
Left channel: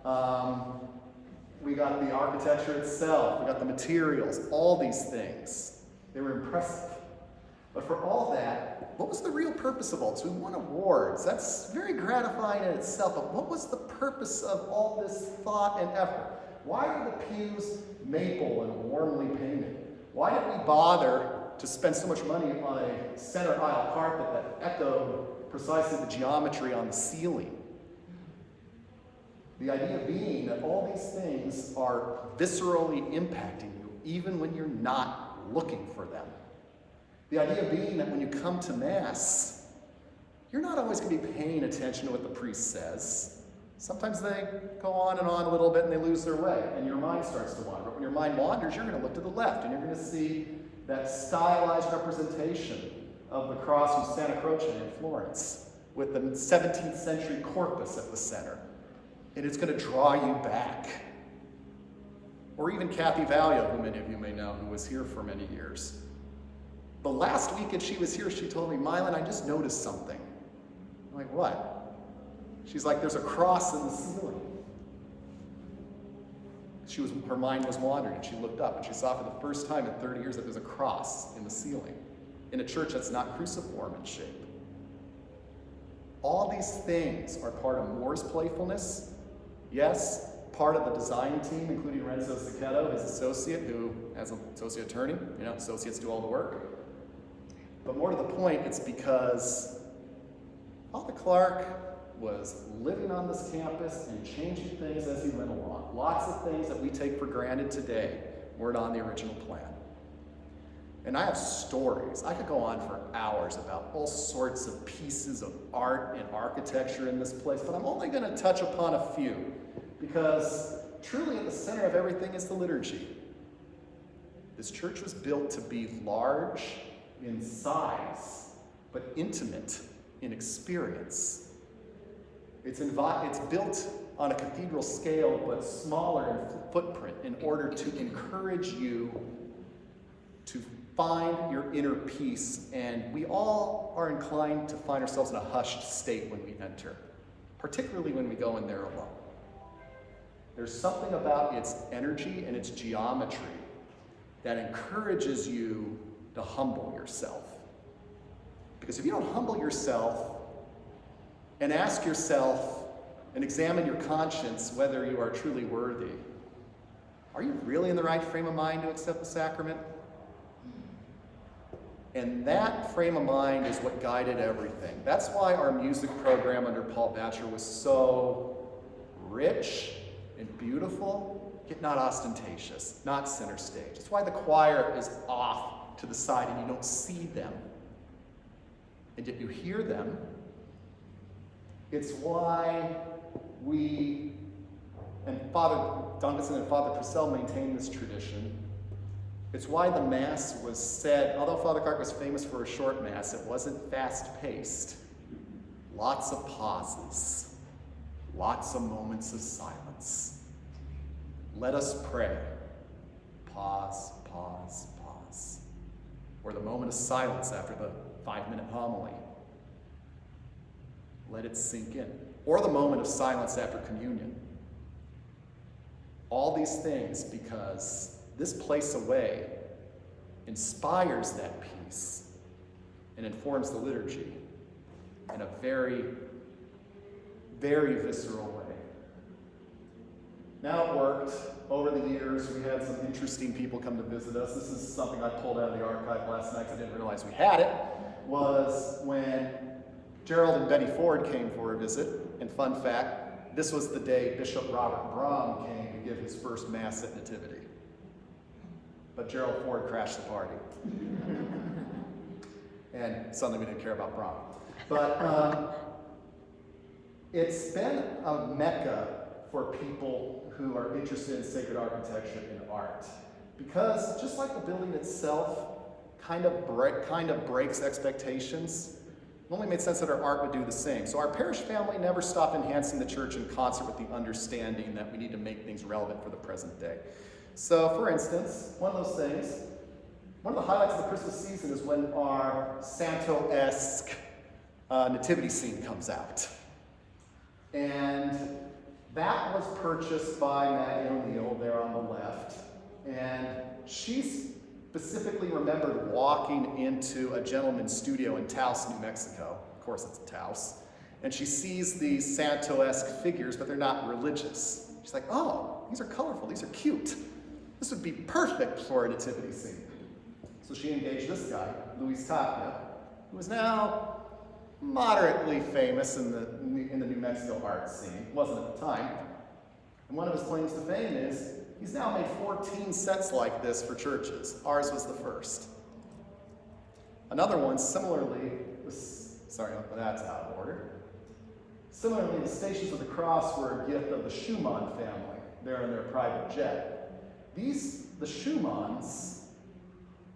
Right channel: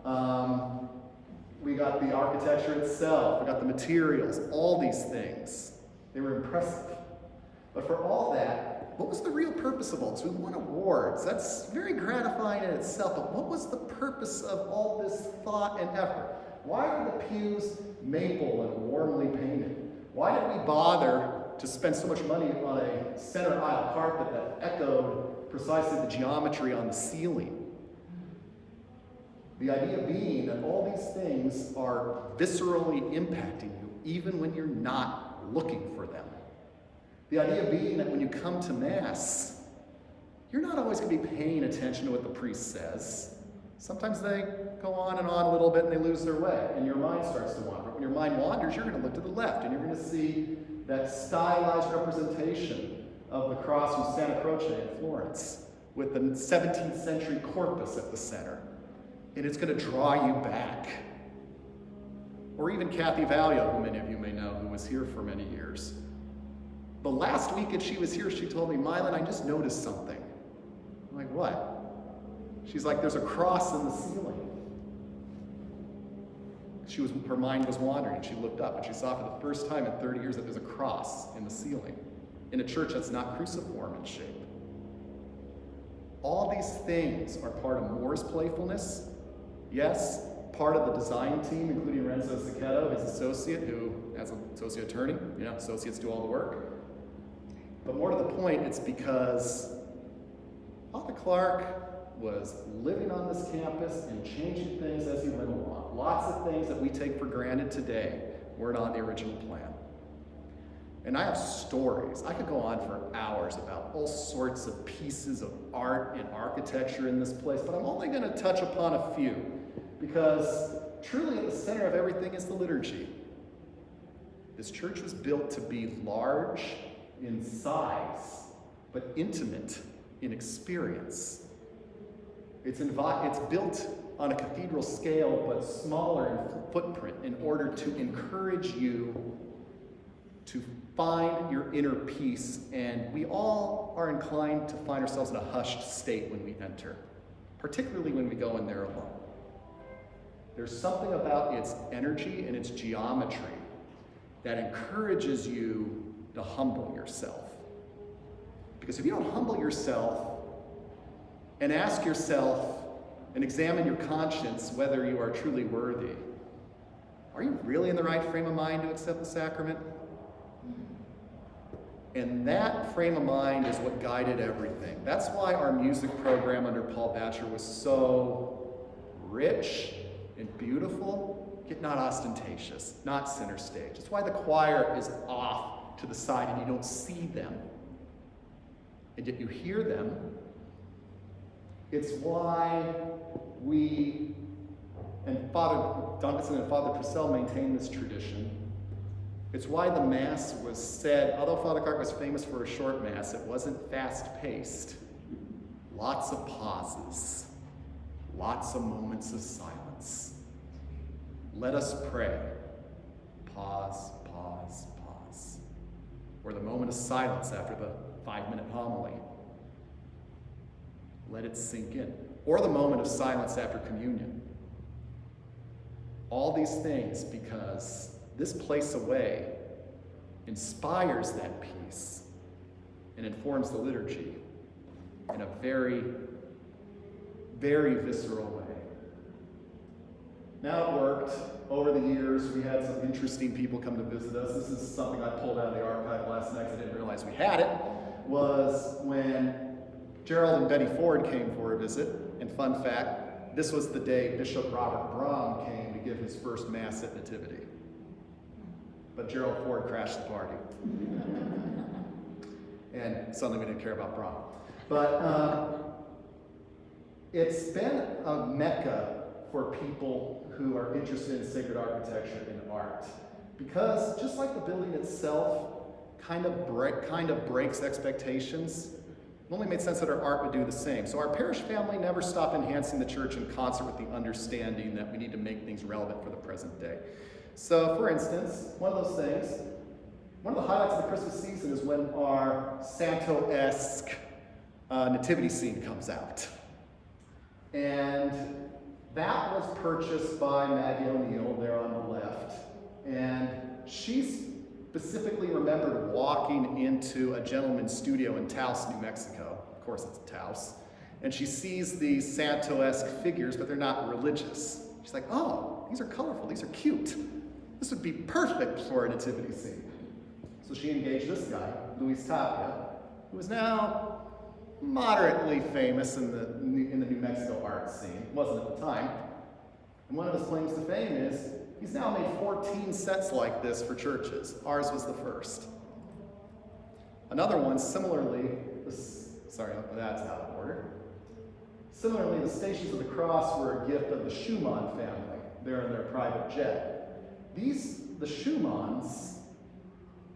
the architecture itself, we got the materials, all these things. They were impressive. But for all that, what was the real purpose of all this? We won awards. That's very gratifying in itself, but what was the purpose of all this thought and effort? Why are the pews maple and warmly painted? Why did we bother to spend so much money on a center aisle carpet that echoed precisely the geometry on the ceiling? The idea being that all these things are viscerally impacting you even when you're not looking for them. The idea being that when you come to Mass, you're not always going to be paying attention to what the priest says. Sometimes they go on and on a little bit and they lose their way, and your mind starts to wander. But when your mind wanders, you're going to look to the left, and you're going to see that stylized representation of the cross from Santa Croce in Florence, with the 17th century corpus at the center. And it's going to draw you back. Or even Kathy Valio, who many of you may know, who was here for many years. The last weekend she was here, she told me, Milan, I just noticed something. I'm like, what? She's like, there's a cross in the ceiling. Her mind was wandering, and she looked up, and she saw for the first time in 30 years that there's a cross in the ceiling, in a church that's not cruciform in shape. All these things are part of Moore's playfulness. Yes, part of the design team, including Renzo Zucchetto, his associate, who, as an associate attorney, associates do all the work. But more to the point, it's because Father Clark was living on this campus and changing things as he went along. Lots of things that we take for granted today weren't on the original plan. And I have stories. I could go on for hours about all sorts of pieces of art and architecture in this place, but I'm only going to touch upon a few, because truly at the center of everything is the liturgy. This church was built to be large in size, but intimate in experience. It's built on a cathedral scale, but smaller in footprint, in order to encourage you to find your inner peace. And we all are inclined to find ourselves in a hushed state when we enter, particularly when we go in there alone. There's something about its energy and its geometry that encourages you to humble yourself. Because if you don't humble yourself and ask yourself and examine your conscience whether you are truly worthy, are you really in the right frame of mind to accept the sacrament? And that frame of mind is what guided everything. That's why our music program under Paul Batcher was so rich and beautiful, yet not ostentatious, not center stage. That's why the choir is off to the side and you don't see them, and yet you hear them. It's why we, and Father Duncanson and Father Purcell maintain this tradition. It's why the Mass was said, although Father Clark was famous for a short Mass, it wasn't fast-paced. Lots of pauses, lots of moments of silence. Let us pray. Pause, pause, pause. Or the moment of silence after the 5-minute homily. Let it sink in. Or the moment of silence after communion. All these things because this place away inspires that peace and informs the liturgy in a very, very visceral way. Now it worked. Over the years, we had some interesting people come to visit us. This is something I pulled out of the archive last night because I didn't realize we had it, was when Gerald and Betty Ford came for a visit. And fun fact, this was the day Bishop Robert Brom came to give his first Mass at Nativity. But Gerald Ford crashed the party. And suddenly we didn't care about Brom. But it's been a mecca for people who are interested in sacred architecture and art. Because just like the building itself kind of breaks expectations, it only made sense that our art would do the same. So our parish family never stopped enhancing the church in concert with the understanding that we need to make things relevant for the present day. So, for instance, one of the highlights of the Christmas season is when our Santo-esque nativity scene comes out. And that was purchased by Maggie O'Neill there on the left. And she specifically remembered walking into a gentleman's studio in Taos, New Mexico. Of course, it's Taos. And she sees these Santo-esque figures, but they're not religious. She's like, oh, these are colorful, these are cute. This would be perfect for a nativity scene. So she engaged this guy, Luis Tapia, who is now moderately famous in the New Mexico art scene. Wasn't at the time. And one of his claims to fame is he's now made 14 sets like this for churches. Ours was the first. Another one, similarly, that's out of order. Similarly, the Stations of the Cross were a gift of the Schumann family. They're in their private jet. The Schumanns,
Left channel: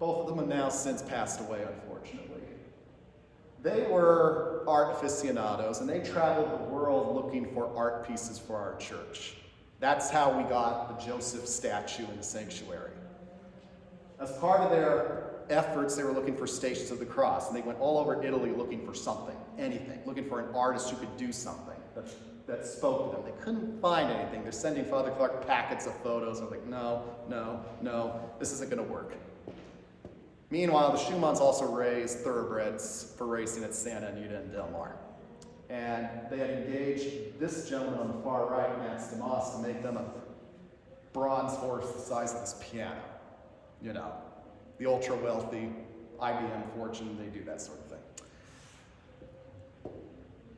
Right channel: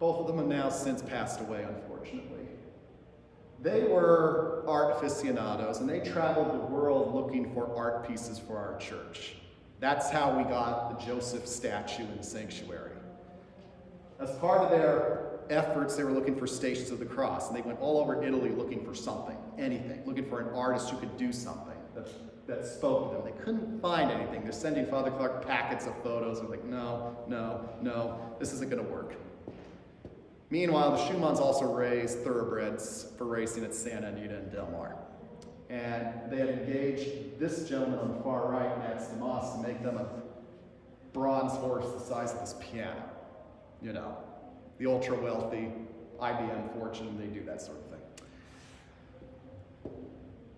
both of them have now since passed away, unfortunately. They were art aficionados, and they traveled the world looking for art pieces for our church. That's how we got the Joseph statue in the sanctuary. As part of their efforts, they were looking for Stations of the Cross, and they went all over Italy looking for something, anything, looking for an artist who could do something that spoke to them. They couldn't find anything. They're sending Father Clark packets of photos, and like, no, this isn't going to work. Meanwhile, the Schumanns also raised thoroughbreds for racing at Santa Anita and Del Mar. And they had engaged this gentleman on the far right, Max DeMoss, to make them a bronze horse the size of this piano. You know, the ultra-wealthy IBM fortune, they do that sort of thing.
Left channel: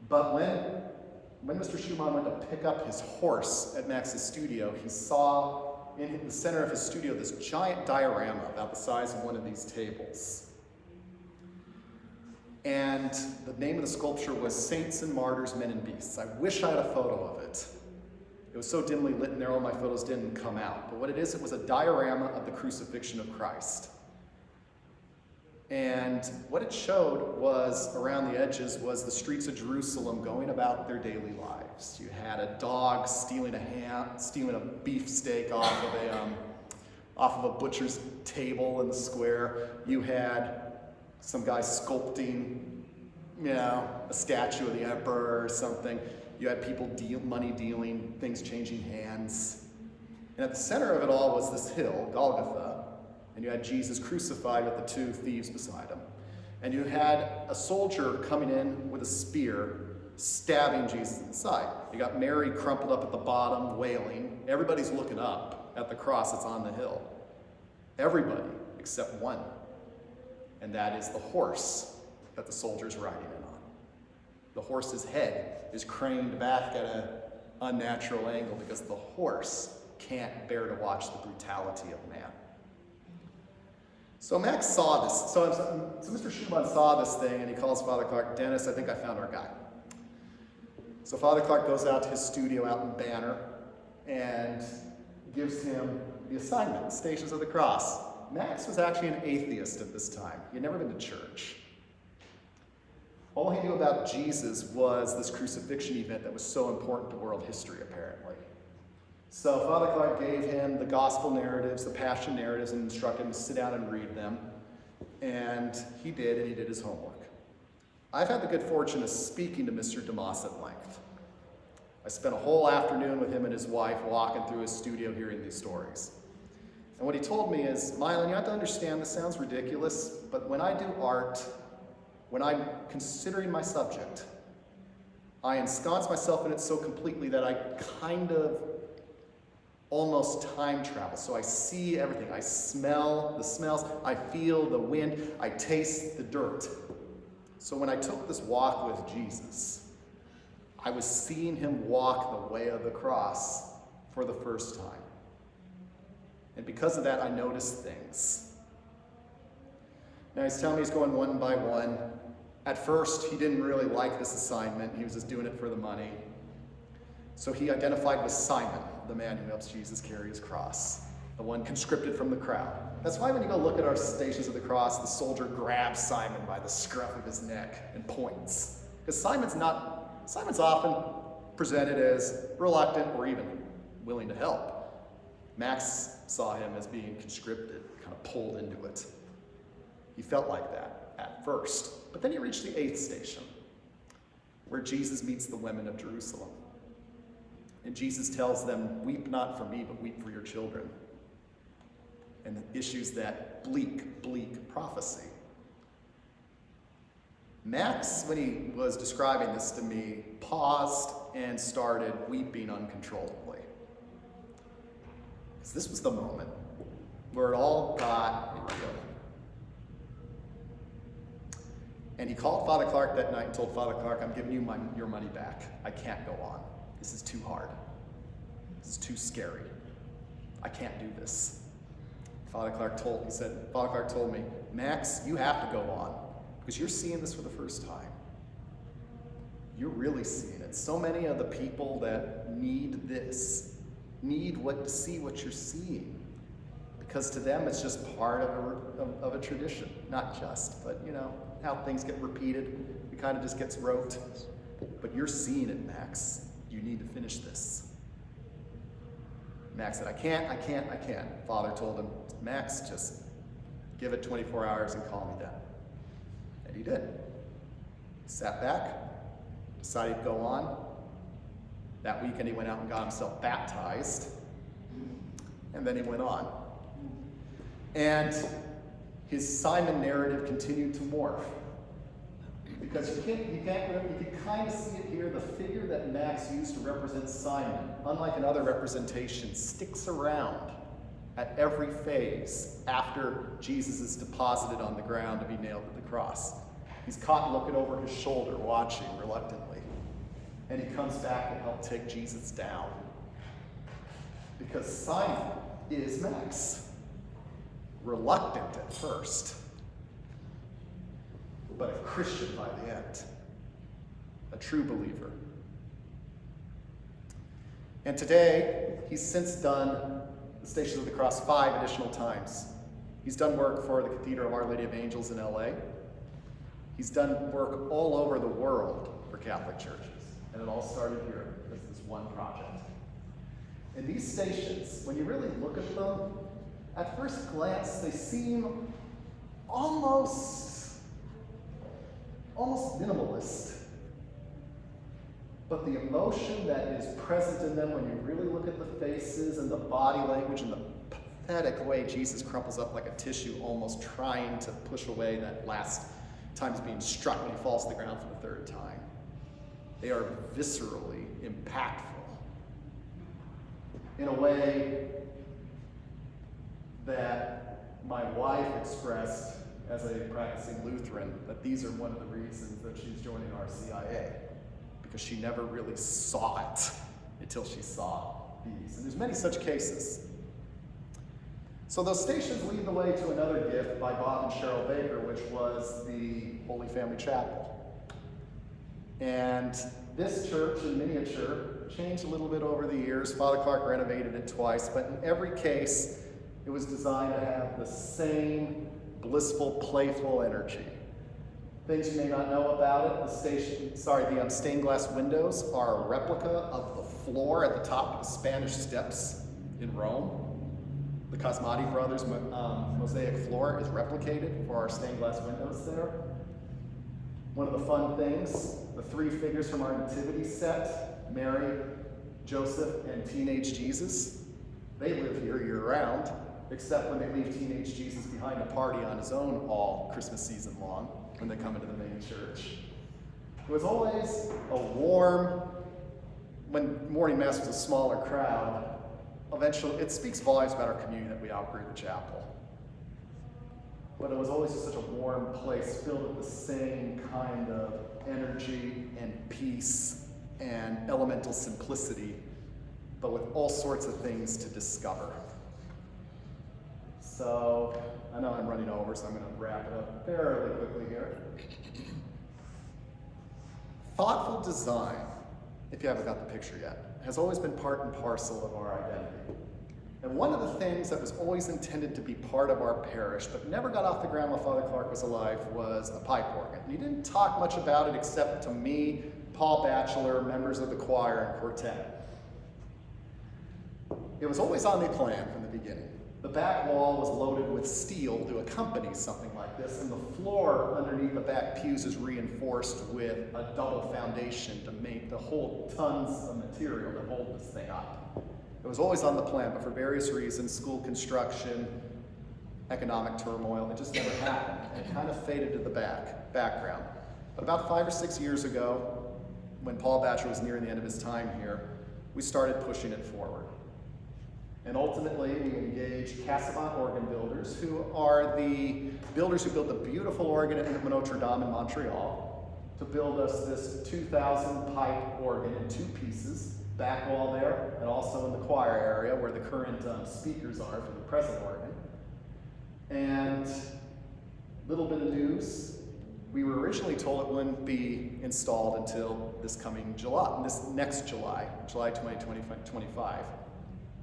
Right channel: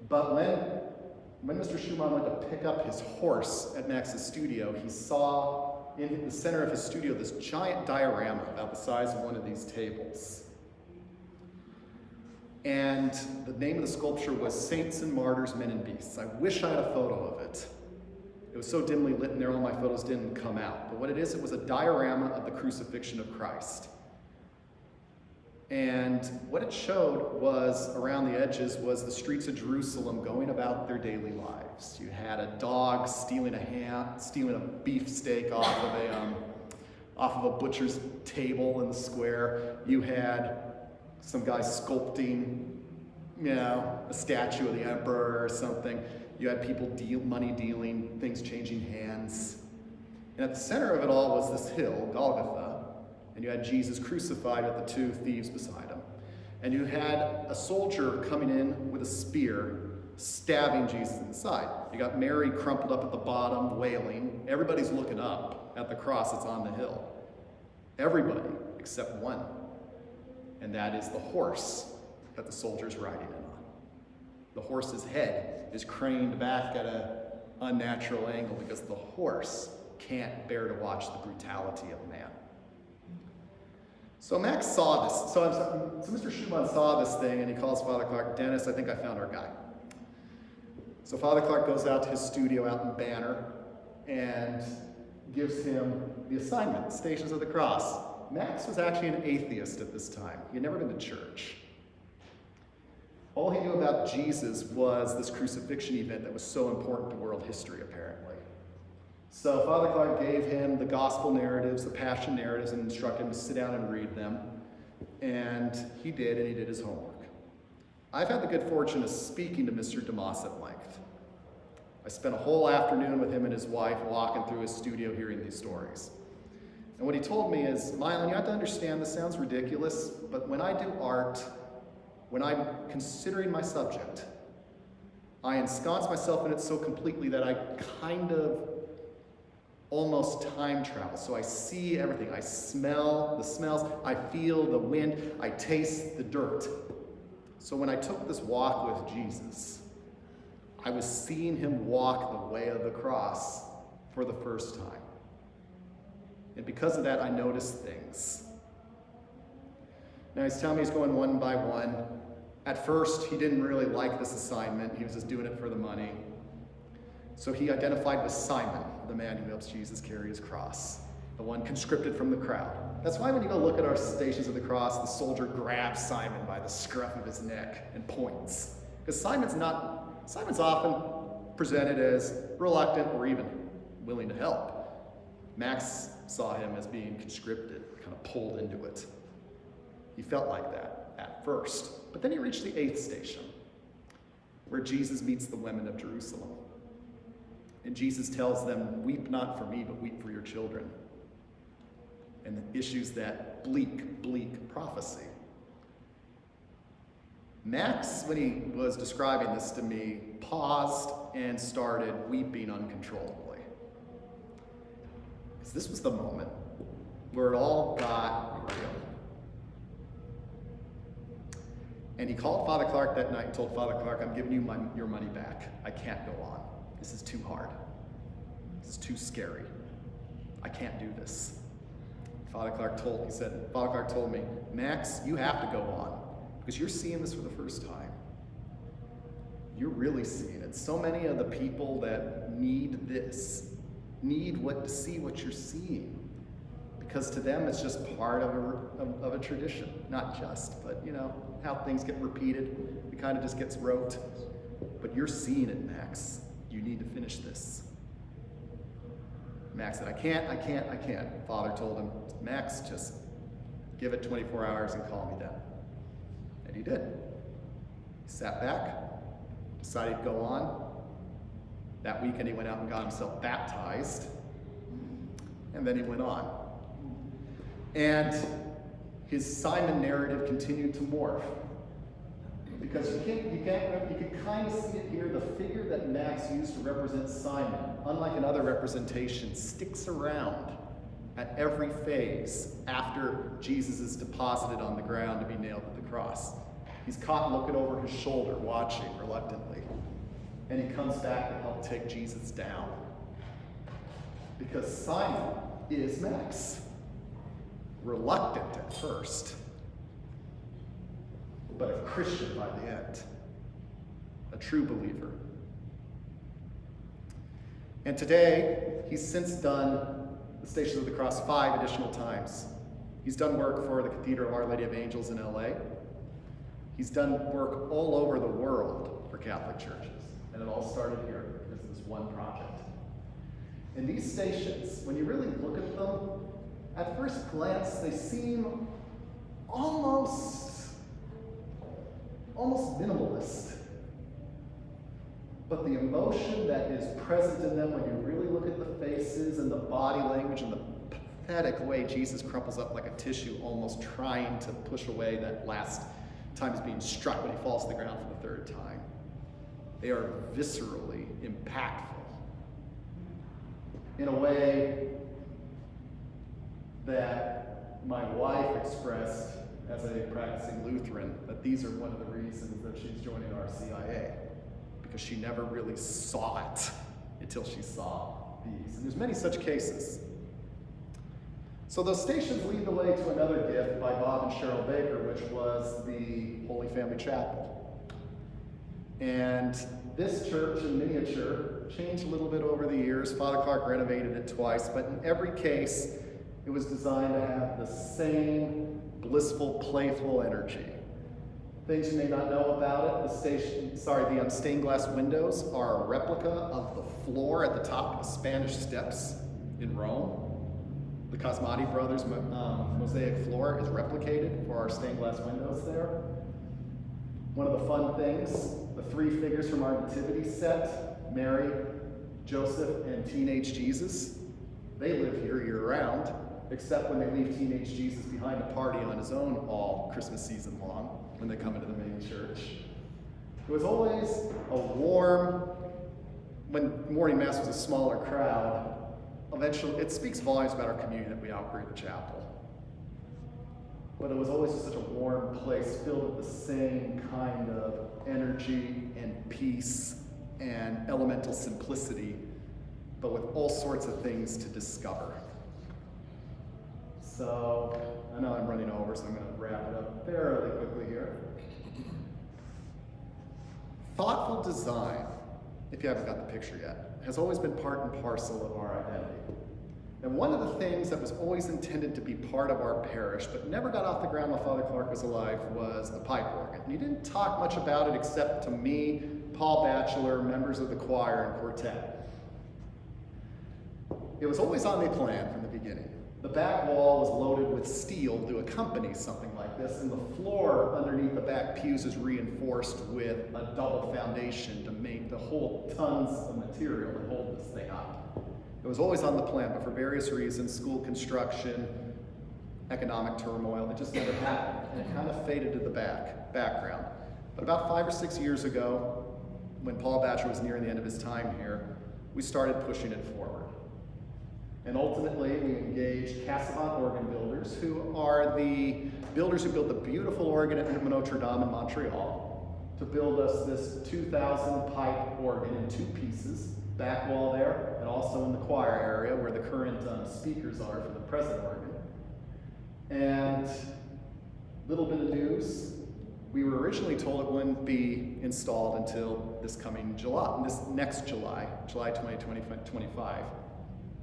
But when Mr. Schumann went to pick up his horse at Max's studio, he saw in the center of his studio this giant diorama about the size of one of these tables. And the name of the sculpture was Saints and Martyrs, Men and Beasts. I wish I had a photo of it. It was so dimly lit in there, all my photos didn't come out. But what it was a diorama of the crucifixion of Christ. And what it showed was, around the edges, was the streets of Jerusalem going about their daily lives. You had a dog stealing a beefsteak off of a butcher's table in the square. You had some guy sculpting, a statue of the emperor or something. You had people money dealing, things changing hands. And at the center of it all was this hill, Golgotha, and you had Jesus crucified with the two thieves beside him. And you had a soldier coming in with a spear, stabbing Jesus in the side. You got Mary crumpled up at the bottom, wailing. Everybody's looking up at the cross that's on the hill. Everybody except one. And that is the horse that the soldier's riding in on. The horse's head is craned back at an unnatural angle because the horse can't bear to watch the brutality of man. So Max saw this. So Mr. Schumann saw this thing, and he calls Father Clark, "Dennis, I think I found our guy." So Father Clark goes out to his studio out in Banner and gives him the assignment, Stations of the Cross. Max was actually an atheist at this time. He had never been to church. All he knew about Jesus was this crucifixion event that was so important to world history, apparently. So Father Clark gave him the gospel narratives, the passion narratives, and instructed him to sit down and read them. And he did his homework. I've had the good fortune of speaking to Mr. DeMoss at length. I spent a whole afternoon with him and his wife walking through his studio hearing these stories. And what he told me is, Milan, you have to understand, this sounds ridiculous, but when I do art, when I'm considering my subject, I ensconce myself in it so completely that I kind of almost time travel. So I see everything. I smell the smells. I feel the wind. I taste the dirt. So when I took this walk with Jesus, I was seeing him walk the way of the cross for the first time. And because of that, I noticed things. Now he's telling me he's going one by one. At first, he didn't really like this assignment. He was just doing it for the money. So he identified with Simon, the man who helps Jesus carry his cross, the one conscripted from the crowd. That's why when you go look at our Stations of the Cross, the soldier grabs Simon by the scruff of his neck and points. Because Simon's often presented as reluctant or even willing to help. Max saw him as being conscripted, kind of pulled into it. He felt like that at first. But then he reached the 8th station, where Jesus meets the women of Jerusalem. And Jesus tells them, "Weep not for me, but weep for your children." And issues that bleak prophecy. Max, when he was describing this to me, paused and started weeping uncontrollably. Because this was the moment where it all got real. And he called Father Clark that night and told Father Clark, "I'm giving you your money back. I can't go on. This is too hard. This is too scary. I can't do this." Father Clark told me, "Max, you have to go on. because you're seeing this for the first time. You're really seeing it. So many of the people that need this need to see what you're seeing, because to them it's just part of a tradition. Not just, but you know how things get repeated. It kind of just gets rote. But you're seeing it, Max. You need to finish this. Max said, I can't. Father told him, Max, just give it 24 hours and call me then. And he did. He sat back, decided to go on. That weekend he went out and got himself baptized. And then he went on. And his Simon narrative continued to morph. Because you can kind of see it here. The figure that Max used to represent Simon, unlike another representation, sticks around at every phase after Jesus is deposited on the ground to be nailed to the cross. He's caught looking over his shoulder, watching reluctantly. And he comes back to help take Jesus down. Because Simon is Max. Reluctant at first, but a Christian by the end. A true believer. And today, he's since done the Stations of the Cross 5 additional times. He's done work for the Cathedral of Our Lady of Angels in LA. He's done work all over the world for Catholic churches. And it all started here because of this one project. And these stations, when you really look at them, at first glance, they seem almost minimalist. But the emotion that is present in them when you really look at the faces and the body language and the pathetic way Jesus crumples up like a tissue, almost trying to push away that last time he's being struck when he falls to the ground for the third time. They are viscerally impactful in a way that my wife expressed as a practicing Lutheran, that these are one of the reasons that she's joining RCIA, because she never really saw it until she saw these. And there's many such cases. So those stations lead the way to another gift by Bob and Cheryl Baker, which was the Holy Family Chapel. And this church in miniature changed a little bit over the years. Father Clark renovated it twice, but in every case, it was designed to have the same blissful, playful energy. Things you may not know about it, the stained glass windows are a replica of the floor at the top of the Spanish steps in Rome. The Cosmati brothers' mosaic floor is replicated for our stained glass windows there. One of the fun things, the three figures from our nativity set, Mary, Joseph, and teenage Jesus, they live here year-round, except when they leave teenage Jesus behind to party on his own all Christmas season long when they come into the main church. It was always a warm, when morning mass was a smaller crowd, eventually, it speaks volumes about our community that we outgrew the chapel. But it was always just such a warm place filled with the same kind of energy and peace and elemental simplicity, but with all sorts of things to discover. So, I know I'm running over, so I'm going to wrap it up fairly quickly here. Thoughtful design, if you haven't got the picture yet, has always been part and parcel of our identity. And one of the things that was always intended to be part of our parish, but never got off the ground while Father Clark was alive, was a pipe organ. And he didn't talk much about it except to me, Paul Batchelor, members of the choir and quartet. It was always on the plan from the beginning. The back wall was loaded with steel to accompany something like this, and the floor underneath the back pews is reinforced with a double foundation to hold tons of material to hold this thing up. It was always on the plan, but for various reasons, school construction, economic turmoil, it just never happened, and it kind of faded to the background. But about 5 or 6 years ago, when Paul Batchelor was nearing the end of his time here, we started pushing it forward. And ultimately, we engaged Cassavant organ builders, who are the builders who built the beautiful organ at Notre Dame in Montreal, to build us this 2,000 pipe organ in 2 pieces, back wall there, and also in the choir area where the current speakers are for the present organ. And little bit of news, we were originally told it wouldn't be installed until this next July 2025.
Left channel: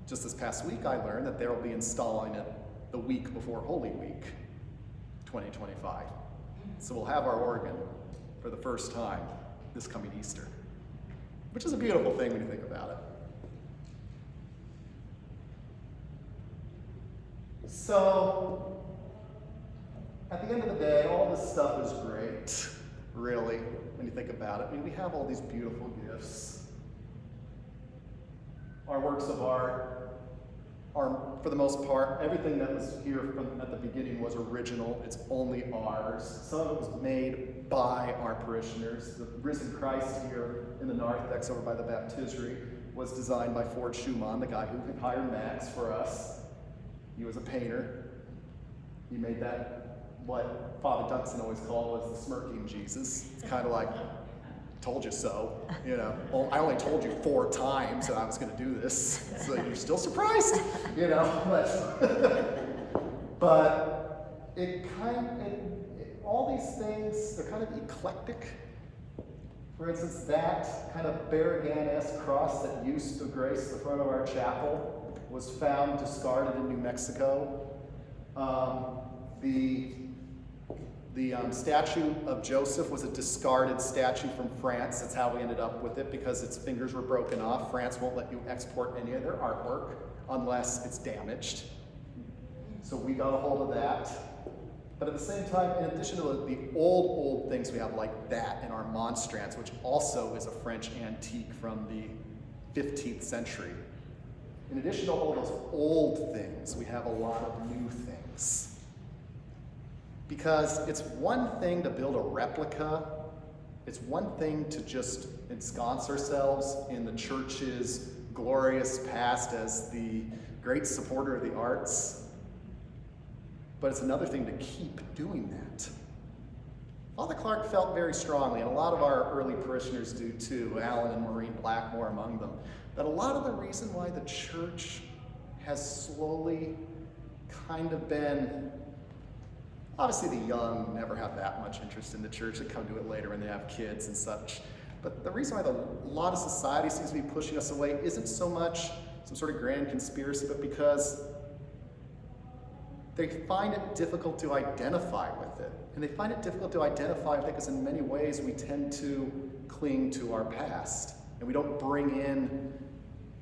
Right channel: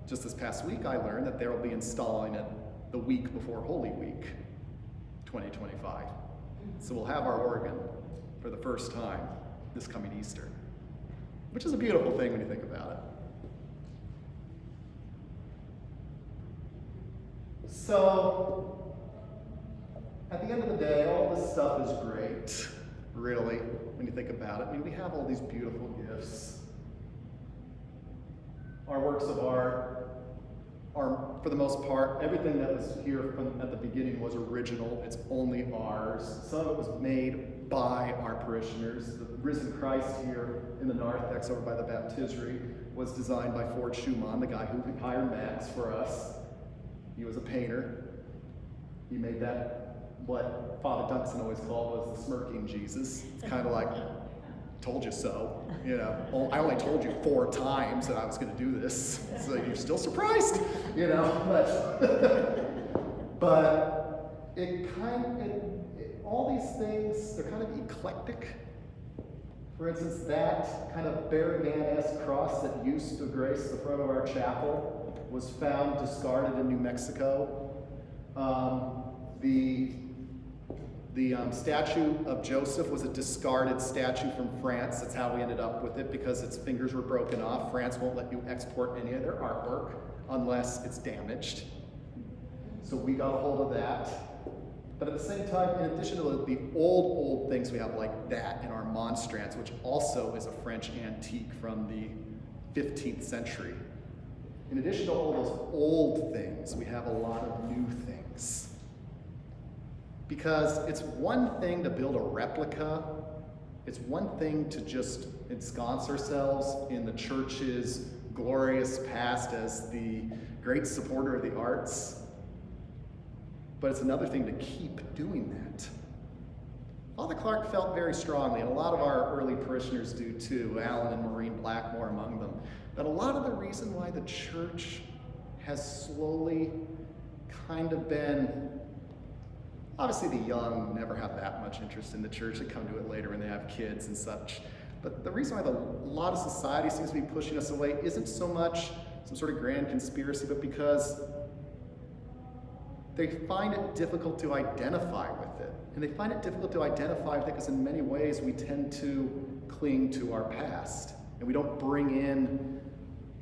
Just this past week, I learned that they'll be installing it the week before Holy Week 2025. So we'll have our organ for the first time this coming Easter, which is a beautiful thing when you think about it. So, at the end of the day, all this stuff is great, really, when you think about it. I mean, we have all these beautiful gifts. Our works of art are, for the most part, everything that was here at the beginning was original. It's only ours. Some of it was made by our parishioners. The risen Christ here in the narthex over by the baptistery was designed by Ford Schumann, the guy who hired Max for us. He was a painter. He made that, what Father Dunkson always called was the smirking Jesus. It's kind of like, told you so, you know. Well, I only told you 4 times that I was going to do this, so you're still surprised, you know. But all these things, they're kind of eclectic. For instance, that kind of Barragan-esque cross that used to grace the front of our chapel was found discarded in New Mexico. The statue of Joseph was a discarded statue from France. That's how we ended up with it, because its fingers were broken off. France won't let you export any of their artwork unless it's damaged. So we got a hold of that. But at the same time, in addition to the old things, we have like that in our monstrance, which also is a French antique from the 15th century. In addition to all those old things, we have a lot of new things. Because it's one thing to build a replica, it's one thing to just ensconce ourselves in the church's glorious past as the great supporter of the arts, but it's another thing to keep doing that. Father Clark felt very strongly, and a lot of our early parishioners do too, Alan and Maureen Blackmore among them, that a lot of the reason why the church has slowly kind of been, obviously the young never have that much interest in the church. They come to it later when they have kids and such. But the reason why a lot of society seems to be pushing us away isn't so much some sort of grand conspiracy, but because they find it difficult to identify with it. And they find it difficult to identify with it because in many ways we tend to cling to our past. And we don't bring in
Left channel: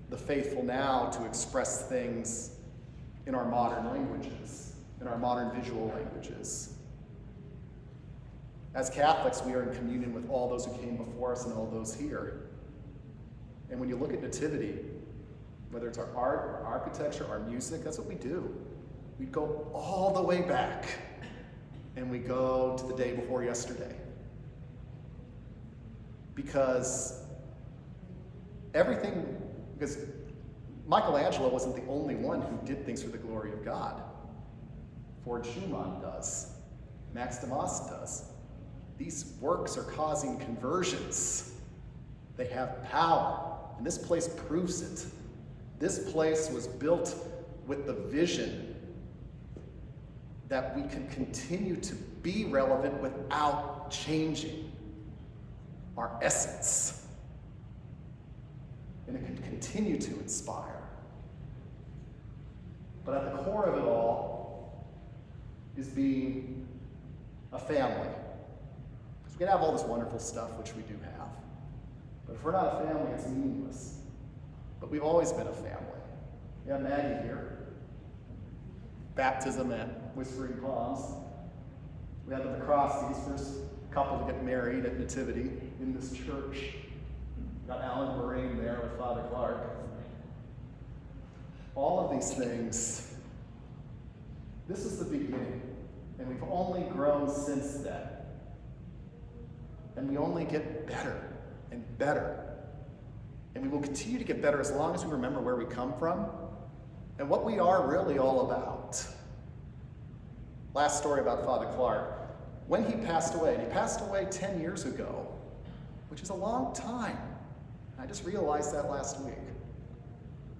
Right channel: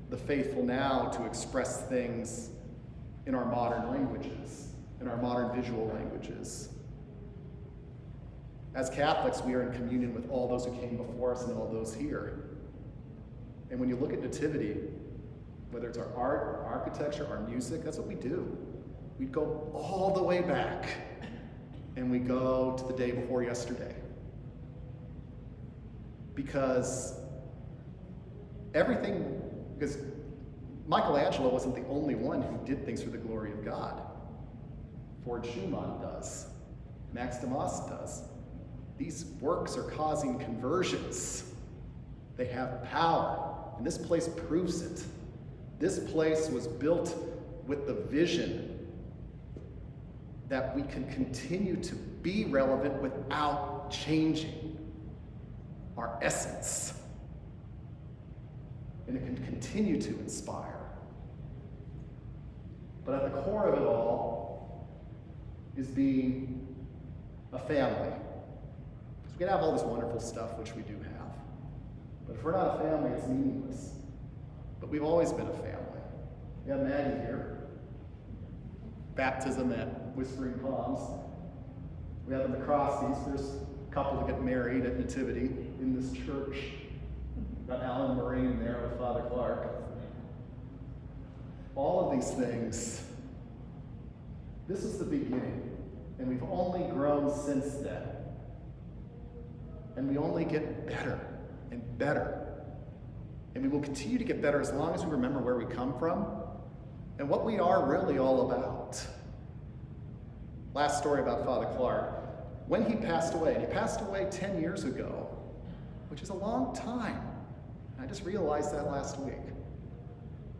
the faithful now to express things in our modern languages, in our modern visual languages. As Catholics, we are in communion with all those who came before us and all those here. And when you look at Nativity, whether it's our art, our architecture, our music, that's what we do. We go all the way back, and we go to the day before yesterday. Because Michelangelo wasn't the only one who did things for the glory of God. Ford Schumann does. Max Demas does. These works are causing conversions. They have power, and this place proves it. This place was built with the vision that we can continue to be relevant without changing our essence. And it can continue to inspire. But at the core of it all is being a family. Because we can have all this wonderful stuff, which we do have. But if we're not a family, it's meaningless. But we've always been a family. We have Maggie here. Baptism at Whispering Palms. We had the McCroskeys, first couple to get married at Nativity in this church. Got Alan and Maureen there with Father Clark. All of these things, this is the beginning, and we've only grown since then. And we only get better and better. And we will continue to get better as long as we remember where we come from and what we are really all about. Last story about Father Clark. When he passed away, and he passed away 10 years ago, which is a long time. I just realized that last week.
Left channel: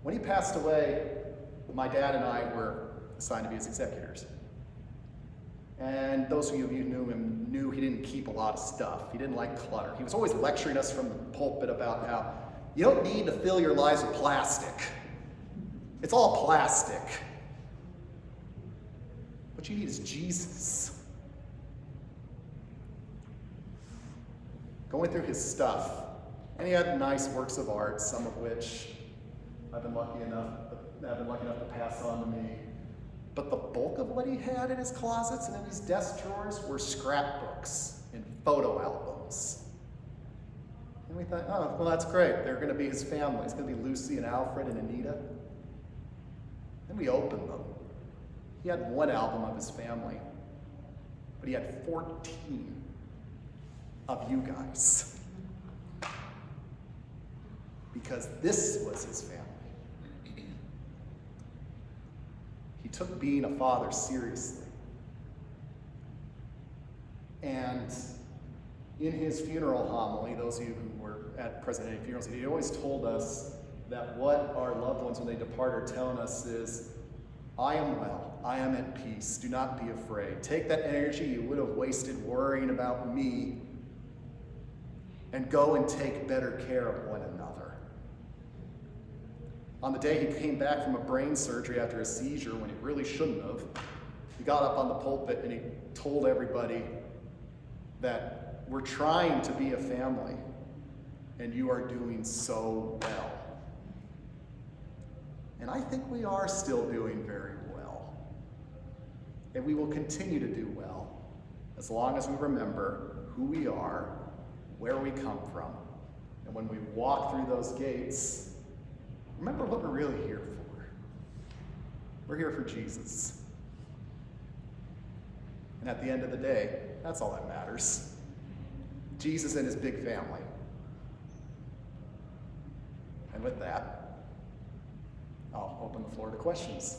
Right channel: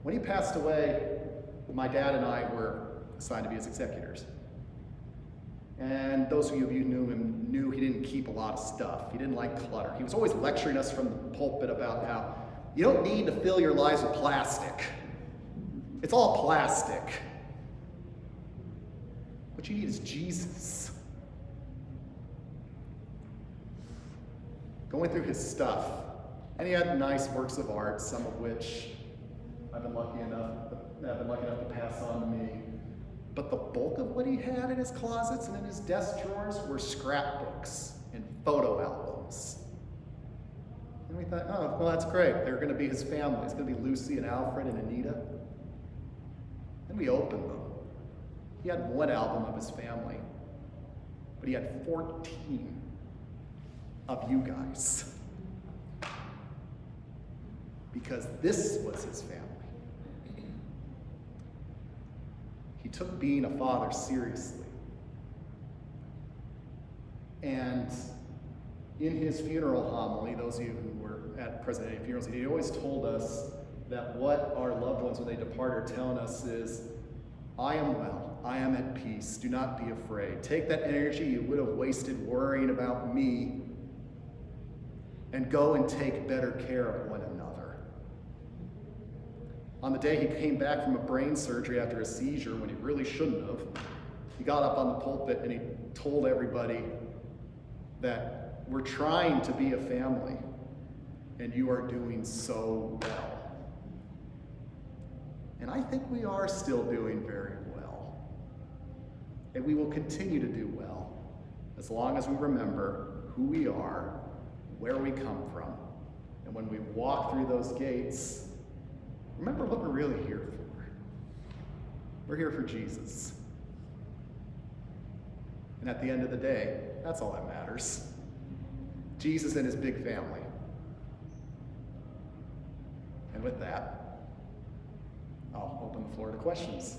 When he passed away, my dad and I were assigned to be his executors. And those of you who knew him knew he didn't keep a lot of stuff. He didn't like clutter. He was always lecturing us from the pulpit about how you don't need to fill your lives with plastic. It's all plastic. What you need is Jesus. Going through his stuff. And he had nice works of art, some of which I've been lucky enough to pass on to me. But the bulk of what he had in his closets and in his desk drawers were scrapbooks and photo albums. And we thought, oh, well, that's great. They're going to be his family. It's going to be Lucy and Alfred and Anita. And we opened them. He had one album of his family, but he had 14 of you guys. Because this was his family. He took being a father seriously. And in his funeral homily, those of you who were present at any funerals, he always told us that what our loved ones when they depart are telling us is, I am well, I am at peace, do not be afraid. Take that energy you would have wasted worrying about me and go and take better care of one another. On the day he came back from a brain surgery after a seizure when he really shouldn't have, he got up on the pulpit and he told everybody that we're trying to be a family and you are doing so well. And I think we are still doing very well. And we will continue to do well as long as we remember who we are, where we come from, and when we walk through those gates, remember what we're really here for. We're here for Jesus. And at the end of the day, that's all that matters. Jesus and his big family. And with that, I'll open the floor to questions.